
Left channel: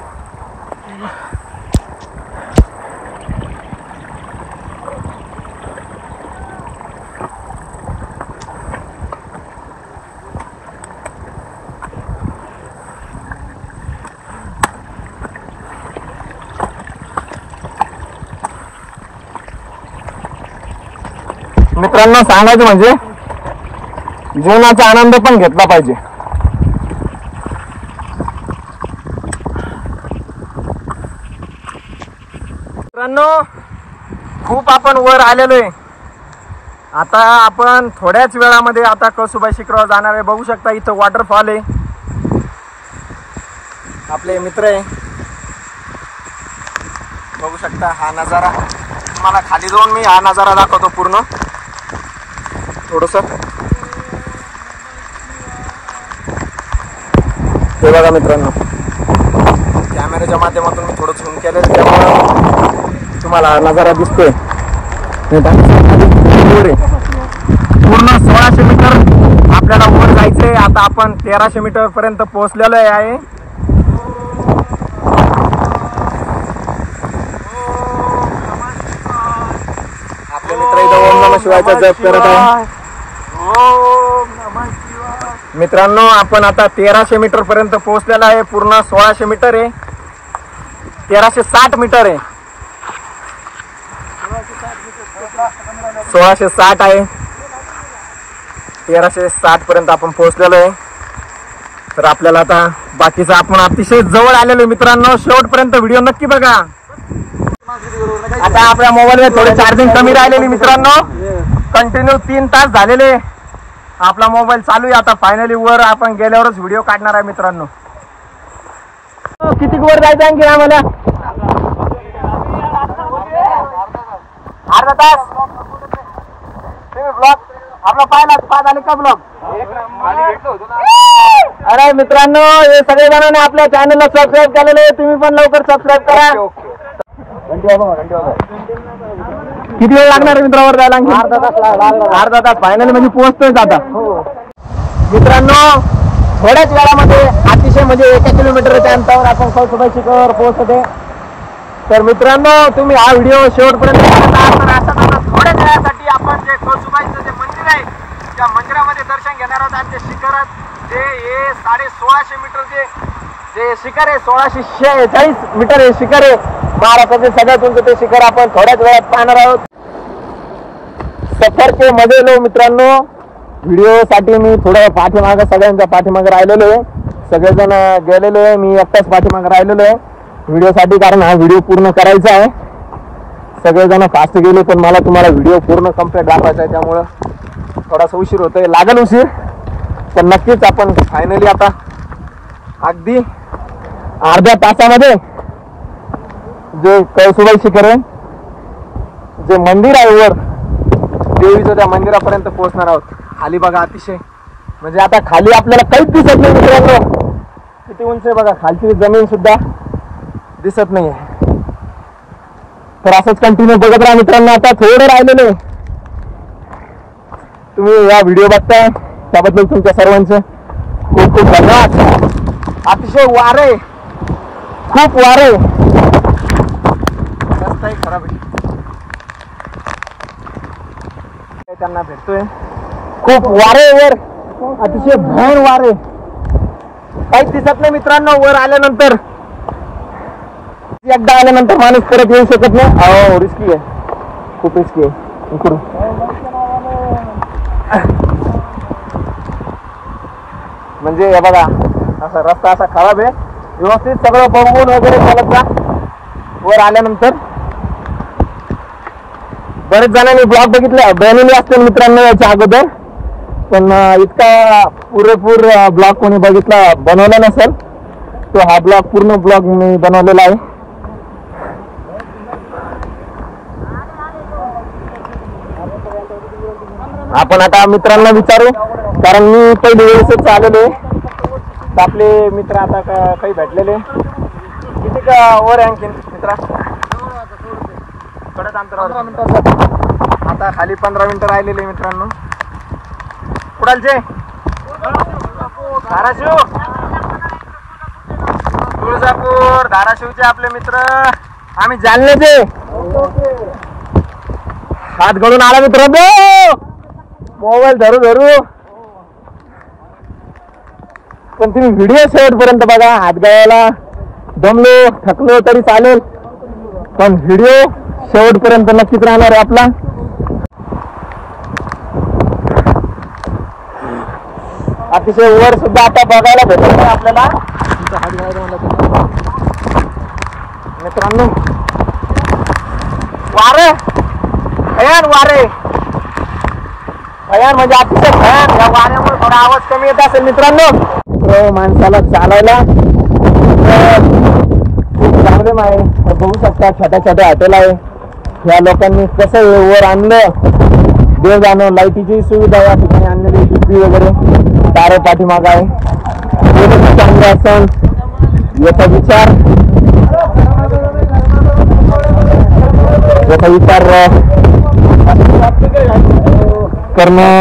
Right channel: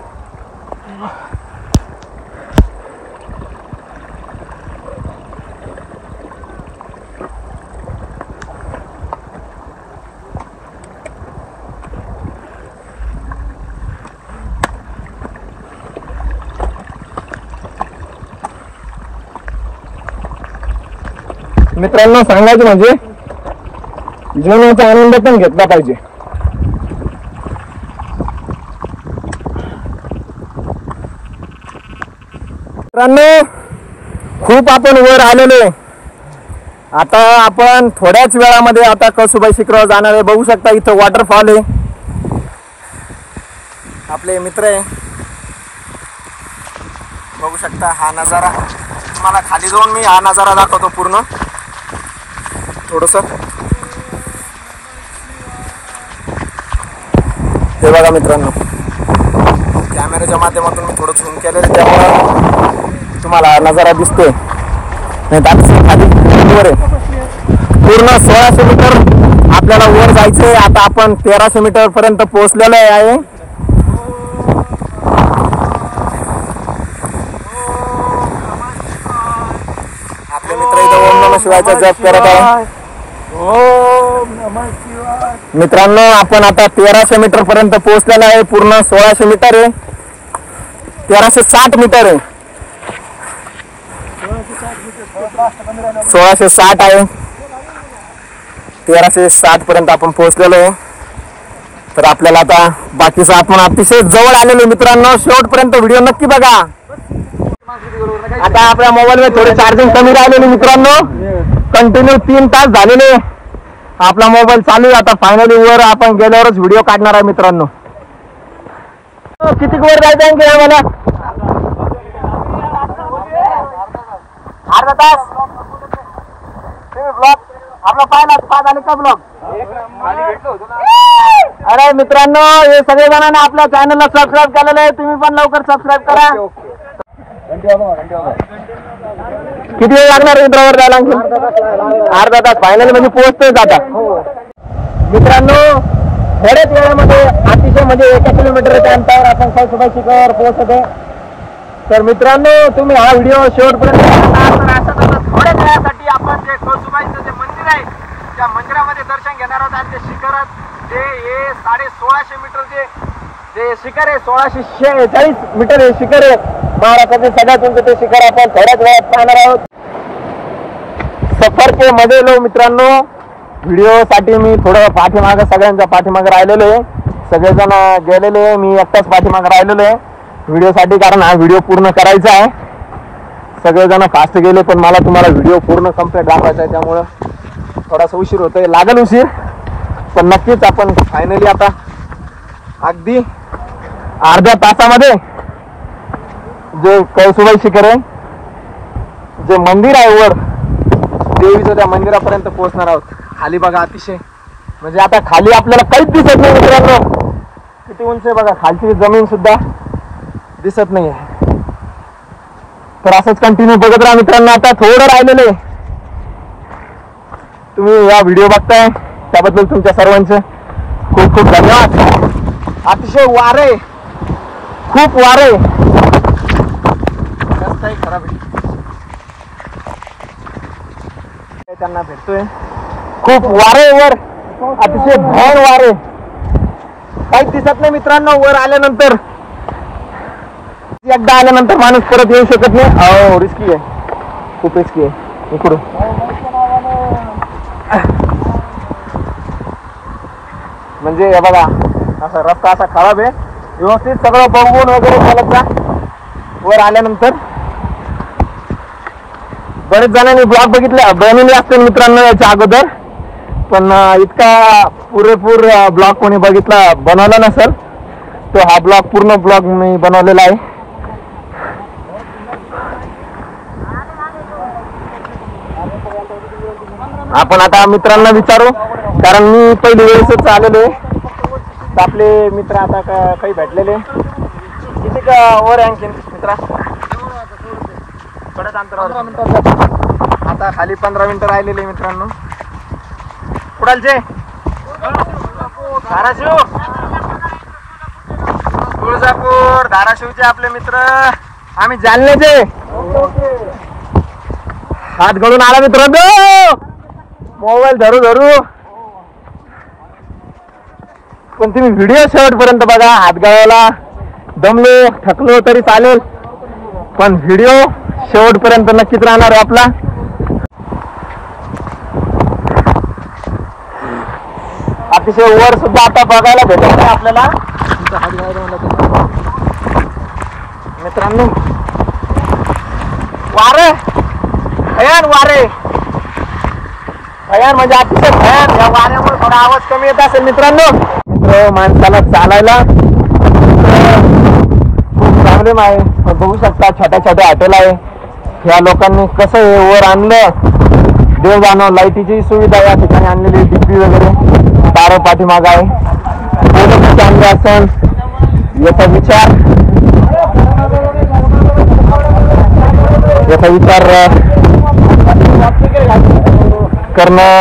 मित्रांनो, सांगायचं म्हणजे जीवनाचा आनंद पण घेतला पाहिजे. मित्रांनो, खूप आपण वर आलेलो आहे. आता आपण थोड्याच वेळामध्ये आता कळसुबाई शिखरावर जाणार आहे. बघू शकता इथं वॉटरफॉल आहे. आपले मित्र आहे, बघू शकता हा नजारा. तुम्हाला खाली जाऊन मी हा नजारा दाखवतो पूर्ण थोडस. हे बघा मित्रांनो, कॅमेऱ्याच्या माध्यमातून मी थोडं झूम केलं त्यामुळे तुम्हाला हा नजारा दिसतोय. खाली वर आहे पूर्ण 1600 मीटर आपल्याला वर जायचंय. आता आपण 1300 मीटर पर्यंत पोहोचलेलो आहे. आपले मित्र इथं ओम नमः शिवायचा जप करत आहे. मित्रांनो, आपण आता 1300 मीटर पर्यंत पोहोचलेला आहे. पूर्ण 1600 मीटर आहे, 1360 मीटर आहे, 1660 आहे. 1360 पर्यंत आपण पोहोचलेलो आहे. तर आपल्याला आता बाकीचं आपण अतिशय जवळ आलेलो मित्रांनो, शेवटपर्यंत व्हिडिओ नक्की बघा. आता आपल्या मोबाईल मध्ये थोडी चार्जिंग कमी राहिलेली मित्रांनो, कंटिन्यू 3 तास झालेले आपला मोबाईल चालू आहे. आता फायनली वर आपण गेल्यावरच व्हिडिओ काढणार आहे मित्रांनो. किती वर जायचं आणखी आम्हाला? अर्धा तास. ब्लॉग आपला पाहिला झाले का ब्लॉग? अरे मित्रांनो, हे सगळे जणांनी आपल्या चॅनलला सबस्क्राईब केलेलं आहे, तुम्ही पण लवकर सबस्क्राईब करा. किती वेळ लागणार मित्रावर जायला? अर्धा तास फायनल मध्ये पोहोचतोय आता मित्रांनो. थोड्याच वेळामध्ये अतिशय म्हणजे 1 किलोमीटरच्या अंतरावर आपण कळसुबाई शिखरावर पोहोचतो. तर मित्रांनो, तुम्ही हा व्हिडिओ शेवटपर्यंत थोड्याच वेळासाठी आपण जे कळसुबाईचं जे मंदिर आहे त्या मंदिरामध्ये दर्शन घेणार आहोत. आणि ते शिखरात जे हे 1650 मीटर जे शिखर आहे, 1640 मीटर हे शिखर आहे. महाराष्ट्राचे सगळ्यात उंच ते शिखर आपण थोड्याच वेळात पाहणार आहोत. सफर के मजे लो मित्रांनो. व्हिडिओ साठी मी थोडं पाठीमागं सगळ्यांच्या पाठीमागं राहिलेलो आहे. सगळेजण गेलेले आहे, मी एकटाच पाठीमागं राहिलेलो आहे व्हिडिओ साठी, कारण हा व्हिडिओ पूर्ण करायचा आहे. सगळेजण फास्ट गेले, पण मला तुम्हाला व्हिडिओ पूर्ण कम्प्लीट दाखवायचा आहे, त्यामुळं थोडासा उशीर होतोय, लागेल उशीर, पण नक्कीच आपण फायनली आता अगदी अर्ध्या तासामध्ये जे कळसुबाई शिखर आहे, जे मंदिर आहे वर देवीचं, त्या मंदिरापर्यंत पोहोचणार आहोत. खाली बघा, अतिशय म्हणजे आता खाली आपल्याला काहीच दिसत नाही मित्रांनो. किती उंच आहे बघा, खालची जमीन सुद्धा दिसत नाहीये. तर असंच कंटिन्यू बघत राहा मित्रांनो. आता थोडं राहिलेलं आहे. तुम्ही या व्हिडिओ बघताय त्याबद्दल तुमच्या सर्वांचं खूप खूप धन्यवाद. अतिशय वारे, खूप वारे, रस्ताही खराब आहे, त्यांना भेटतोय. खूप वारे वर, अतिशय भयान वारे, काहीच दिसत नाही मित्रांनो. वर आल्यानंतर, एकदा आल्यानंतर माणूस परत येऊ शकत नाही. रिस्की आहे, खूप रिस्की आहे. इकडून म्हणजे हे बघा, असा रस्ता असा खराब आहे. व्यवस्थित सगळं बघून वगैरे चालत जा. वर आल्यानंतर बरेच जणांनी ब्लॉग बनवले असतील मित्रांनो याच्या अगोदर, पण इतका पुरेपूर ब्लॉग कोणी बनवला नसेल. तो हा ब्लॉग, पूर्ण ब्लॉग मी बनवलेला आहे. आपण आता मित्रांना विचारू, कारण मी पहिली वेळेसच आलेलो आहे. आपले मित्र आता काही भेटलेले. किती वर आणखी मित्रा? थोडंच अंतर, आता खाली 15 मिनिटं राहिलेले मित्रांनो. कुडालचे? धाराशिव, तुळजापूर, धाराशिवचे आपले मित्र. आम्ही जालन्याचे. हात गळून आला मित्रांनो, मोबाईल धरू धरू. पण तुम्ही व्हिडिओ शेवटपर्यंत बघा. हात गळायला दमलो, थकलो तरी चालेल, पण व्हिडिओ शेवटपर्यंत नक्कीच राहणार आहे आपला. अतिशय वर सुद्धा आता बघायला भेटत नाही आपल्याला मित्रांनो. वारे, भयान वारे, भयान म्हणजे अतिशय भयान. या वाऱ्यामुळे थोडा आवाज कमी येत असेल मित्रांनो. माणसाला चालायला खूप प्रॉब्लेम आहे. बघू शकता छोट्या छोट्या हॉटेल आहे. ह्या लोकांनी कसं हे वर आणलं, देव जाणं. लाईटीची सुविधा या ठिकाणी आणलेली, टिपी वगैरे तारा पाठीमाग आहे. चांगलं असेल याचा विचार करणं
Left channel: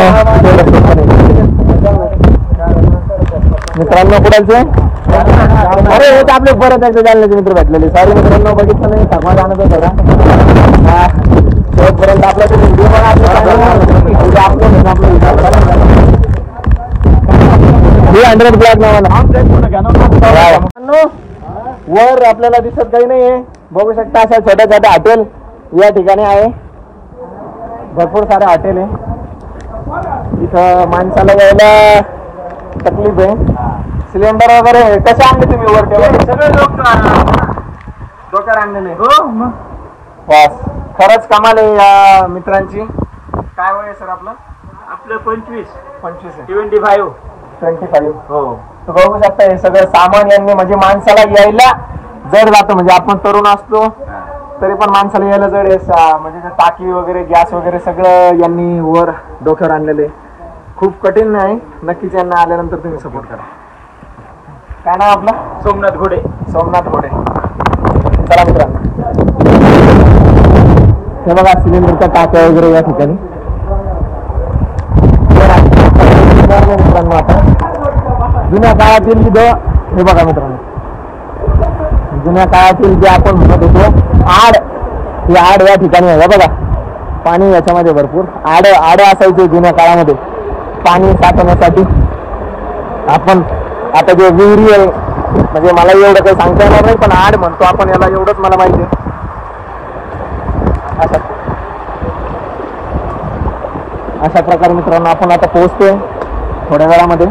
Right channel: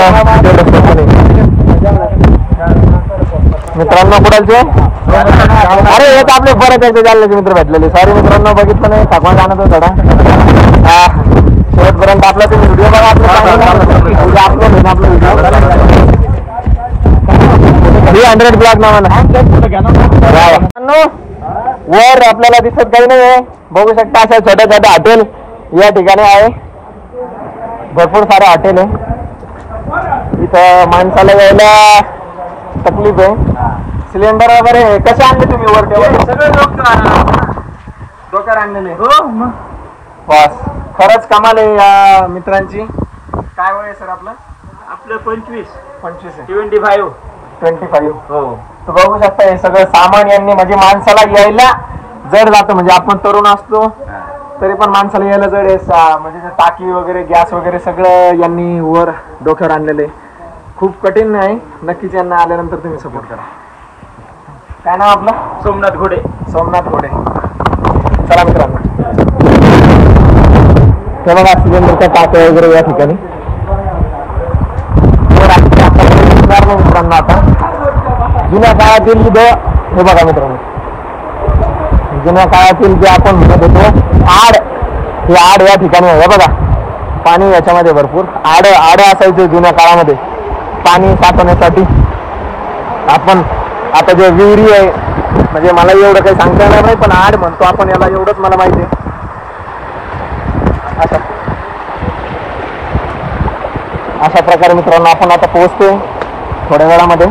मित्रांनो. कुडालचे? अरे हे आपले बरं त्याचे जालन्याचे मित्र भेटलेले. सॉरी मित्रांनो, बघितलं नाही, थकवा जाणत होता थोडा. शेवटपर्यंत आपला तुम्ही व्हिडिओ बघा. आपलं 300 ब्लॉग नावानं वर आपल्याला दिसत काही नाही. बघू शकता असं छोट्या छोट्या हॉटेल या ठिकाणी आहे. भरपूर सारे हॉटेल आहे. इथं माणसाला यायला तकलीफ आहे. सिलेंडर वगैरे कसे आणले तुम्ही वर सगळे डोक्यावर आणलेले हो मग बस खरंच कमाल आहे या मित्रांची. काय वय सर आपलं? आपलं 25 25 25 हो. तर बघू शकता हे सगळं सामान यांनी म्हणजे माणसाला यायला जड जातं. म्हणजे आपण तरुण असतो तरी पण माणसाला यायला जड आहे. म्हणजे टाकी वगैरे गॅस वगैरे सगळं यांनी वर डोक्यावर आणलेले. खूप कठीण आहे. नक्कीच यांना आल्यानंतर तुम्ही सपोर्ट करा. काय नाव आपलं? सोमनाथ घोडे. सोमनाथ घोडे. चला मित्रांनो हे बघा सिलेंडरच्या टाक्या वगैरे या ठिकाणी. मित्रांनो आता जुन्या काळातील हे बघा मित्रांनो जुन्या काळातील जे आपण म्हणत होतो आड हे आड या ठिकाणी आहे बघा. पाणी याच्यामध्ये भरपूर आड असायचे जुन्या काळामध्ये पाणी साठवण्यासाठी. आपण आता जे विहिरी आहे म्हणजे मला एवढं काही सांगता येणार नाही पण आड म्हणतो आपण याला एवढंच मला माहिती आहे. अशा प्रकारे मित्रांनो आपण आता पोहोचतोय थोड्या वेळामध्ये.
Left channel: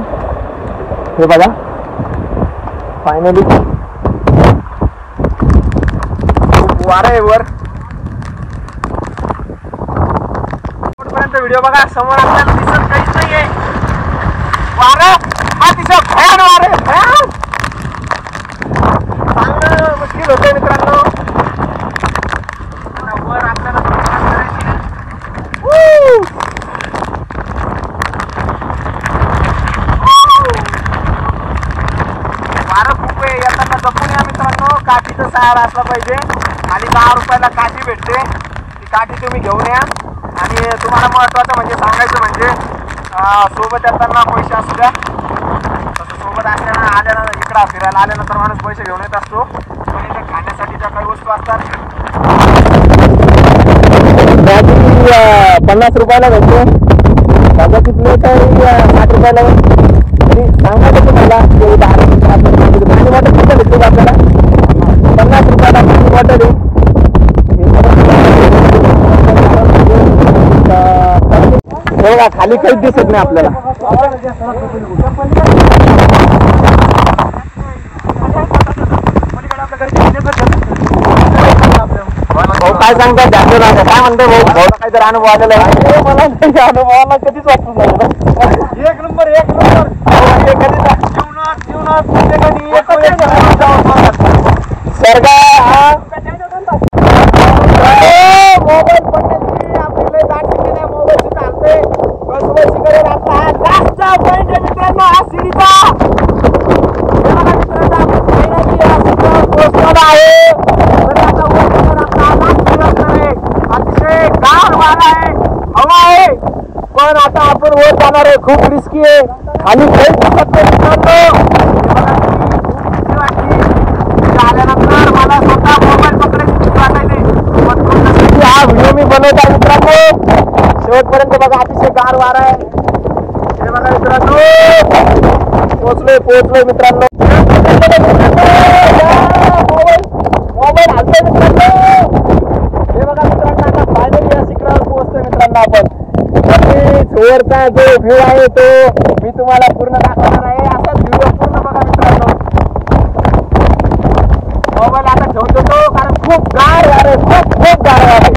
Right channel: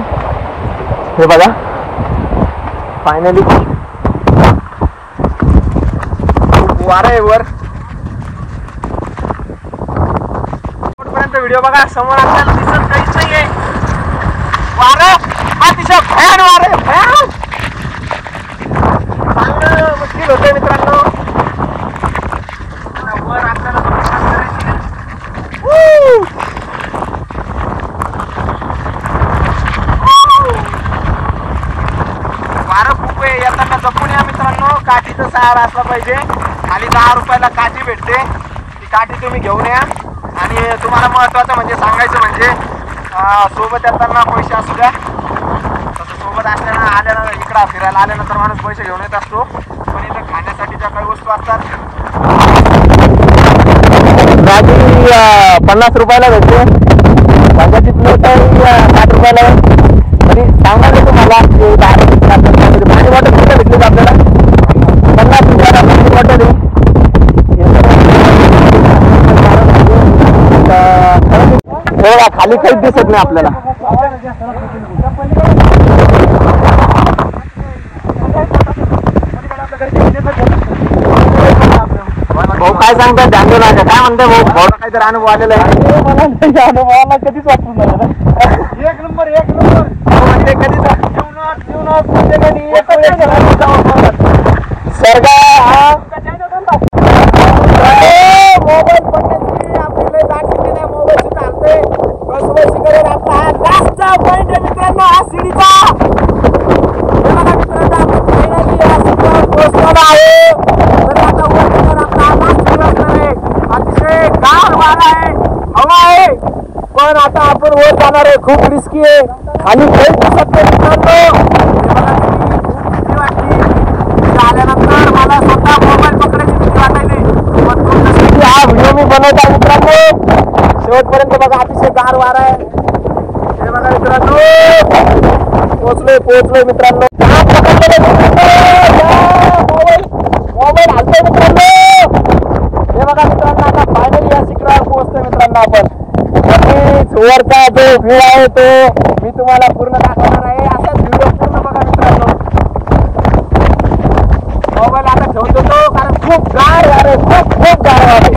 हे बघा फायनली खूप वारा आहे वर. पर्यंत व्हिडिओ बघा समोर आपल्याला दिसत काहीच नाहीये. वारा अतिशय भयान वारे भयान चांगलं मुश्किल होते मित्रांनो. वर आपल्याला वारं खूप आहे. येताना जपून या मित्रांनो. काठीचा सहारा असला पाहिजे. आणि 10 रुपयाला काठी भेटते. ती काठी तुम्ही घेऊन या. आणि तुम्हाला महत्वाचं म्हणजे सांगायचं म्हणजे सोबत येताना पैसे असू द्या. तसं सोबत असल्यानं आल्यानं इकडं फिरायला आल्यानंतर माणूस पैसे घेऊन येत असतो. पण इथे खाण्यासाठी ज्या काही वस्तू असतात भाजी 50 रुपयाला भेटते. भाज्याची प्लेट 60 रुपयाला आहे. तरी सांगायचं तुम्हाला की 10 रुपये आपल्याला पाणी बॉटल किती भेटते आपल्याला 50 रुपयाला पाणी बॉटल आहे. खाली काहीच दिसत नाही आपल्याला. भाऊ काय सांगतात जाणून काय म्हणतो भाऊ? भाऊला काहीतरी अनुभव आलेला आहे. मला अनुभवाला कधीच वाटून नाही. एक नंबर सर्ग मोबाईल पडण्याची आपल्याला दाखवली नाही. मोबाईल चालतोय कसं करेल आपला हा लास्टचा पॉइंट आहे मित्रांनो हा सीडीचा. अतिशय गार वारा आहे हवा आहे. पण आता आपण वर जाणार आहे. खूप रिस्की आहे. खाली काहीच दिसत नाही मित्रांनो. आल्यानंतर मला स्वतः मोबाईल पकडायची भीती वाटायची. हा व्हिडिओ मी बनवत आहे मित्रांनो. शेवटपर्यंत बघा अतिशय गार वारा आहे. हे बघा मित्रांनो पोहोचलोय मित्रांनो. मोबाईल हलतोय मित्रांनो. हे बघा मित्रांनो आता फायनली या शिखरावर पोहोचतोय मित्रांनो आपण. वरचा जो व्ह्यू आहे तो मी तुम्हाला पूर्ण दाखवणार आहे. असाच व्हिडिओ पूर्ण बघा मित्रांनो. मोबाईल आता ठेवतो तो कारण खूप गार वार आहे. खूप गार वार आहे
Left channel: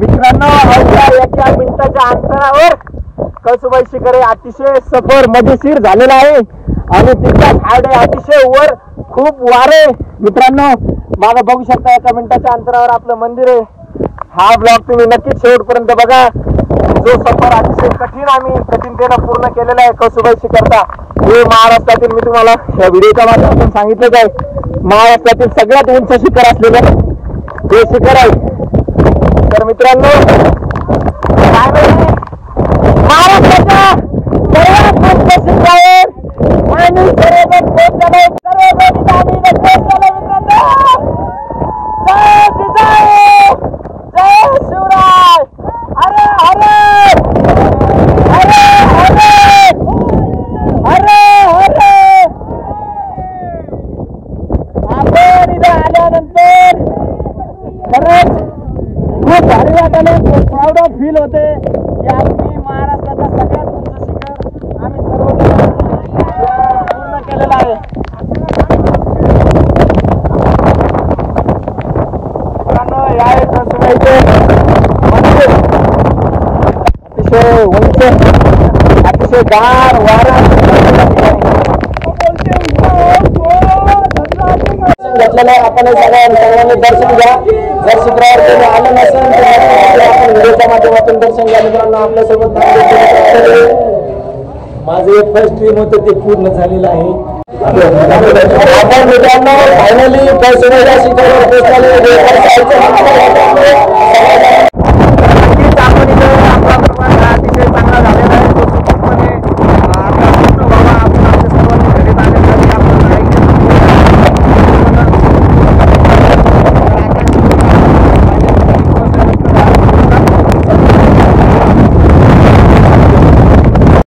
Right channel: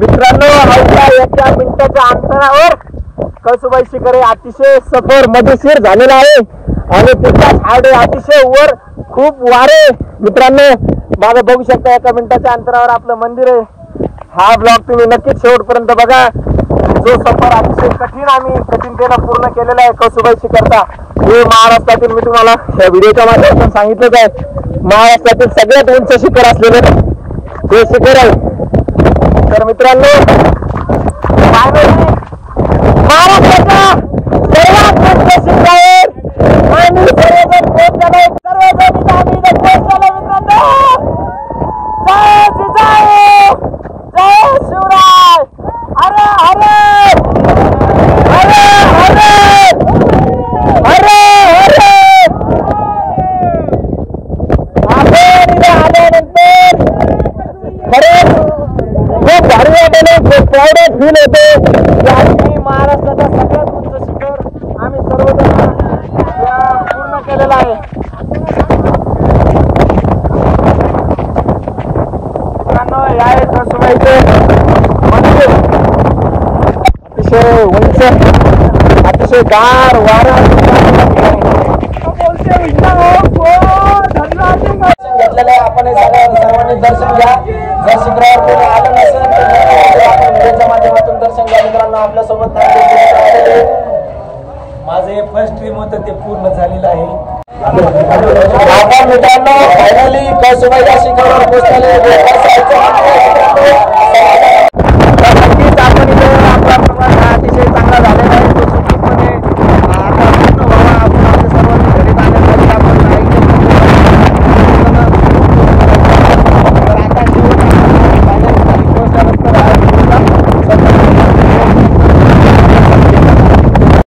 मित्रांनो. अवघ्या 1 मिनिटाच्या अंतरावर कळसुबाई शिखर आहे. अतिशय सफर मजेशीर झालेला आहे आणि तितकाच हार्ड आहे. अतिशय वर खूप वारे मित्रांनो. मागं बघू शकता 1 मिनिटाच्या अंतरावर आपलं मंदिर आहे. हा ब्लॉग तुम्ही नक्कीच शेवटपर्यंत बघा. जो सफर अतिशय कठीणतेनं पूर्ण केलेला आहे कळसुबाई शिखरचा. हे महाराष्ट्रातील मी तुम्हाला या व्हिडिओच्या माध्यमातून सांगितलंच आहे महाराष्ट्रातील सगळ्यात उंच शिखर असलेलं हे शिखर आहे. तर मित्रांनो महाराष्ट्राच्या सर्वात उंच शिखरावर आम्ही सर्वजण पोहोचलेलो आहे. सर्वजण आम्ही इथे पोहोचलेलो मित्रांनो. जय जिजाऊ जय शिवराय. अरे अरे अरे अरे अरे आपण इथे आल्यानंतर खरंच खूप भारी वाटले. प्राऊड फील होते की आज मी महाराष्ट्राचा सगळ्यात उंच शिखर आम्ही सर्वजण पूर्ण केलेला आहे. मित्रांनो हे आहे कळसुबाईचे मंदिर. अतिशय उंच, अतिशय गार वारं घेतलेलं आहे. आपण सर्वांनी दर्शन घ्या. जर शुक्रवार कोणी आलं नसेल तर आपण व्हिडिओच्या माध्यमातून दर्शन घ्या. मित्रांनो आपल्यासोबत माझं एक फर्स्ट ड्रीम होतं ते पूर्ण झालेलं आहे. आपण मित्रांनो फायनली कळसुबाईच्या शिखरावर पोहोचले. नक्कीच आपण इथे आपला प्रवास हा अतिशय चांगला झालेला आहे.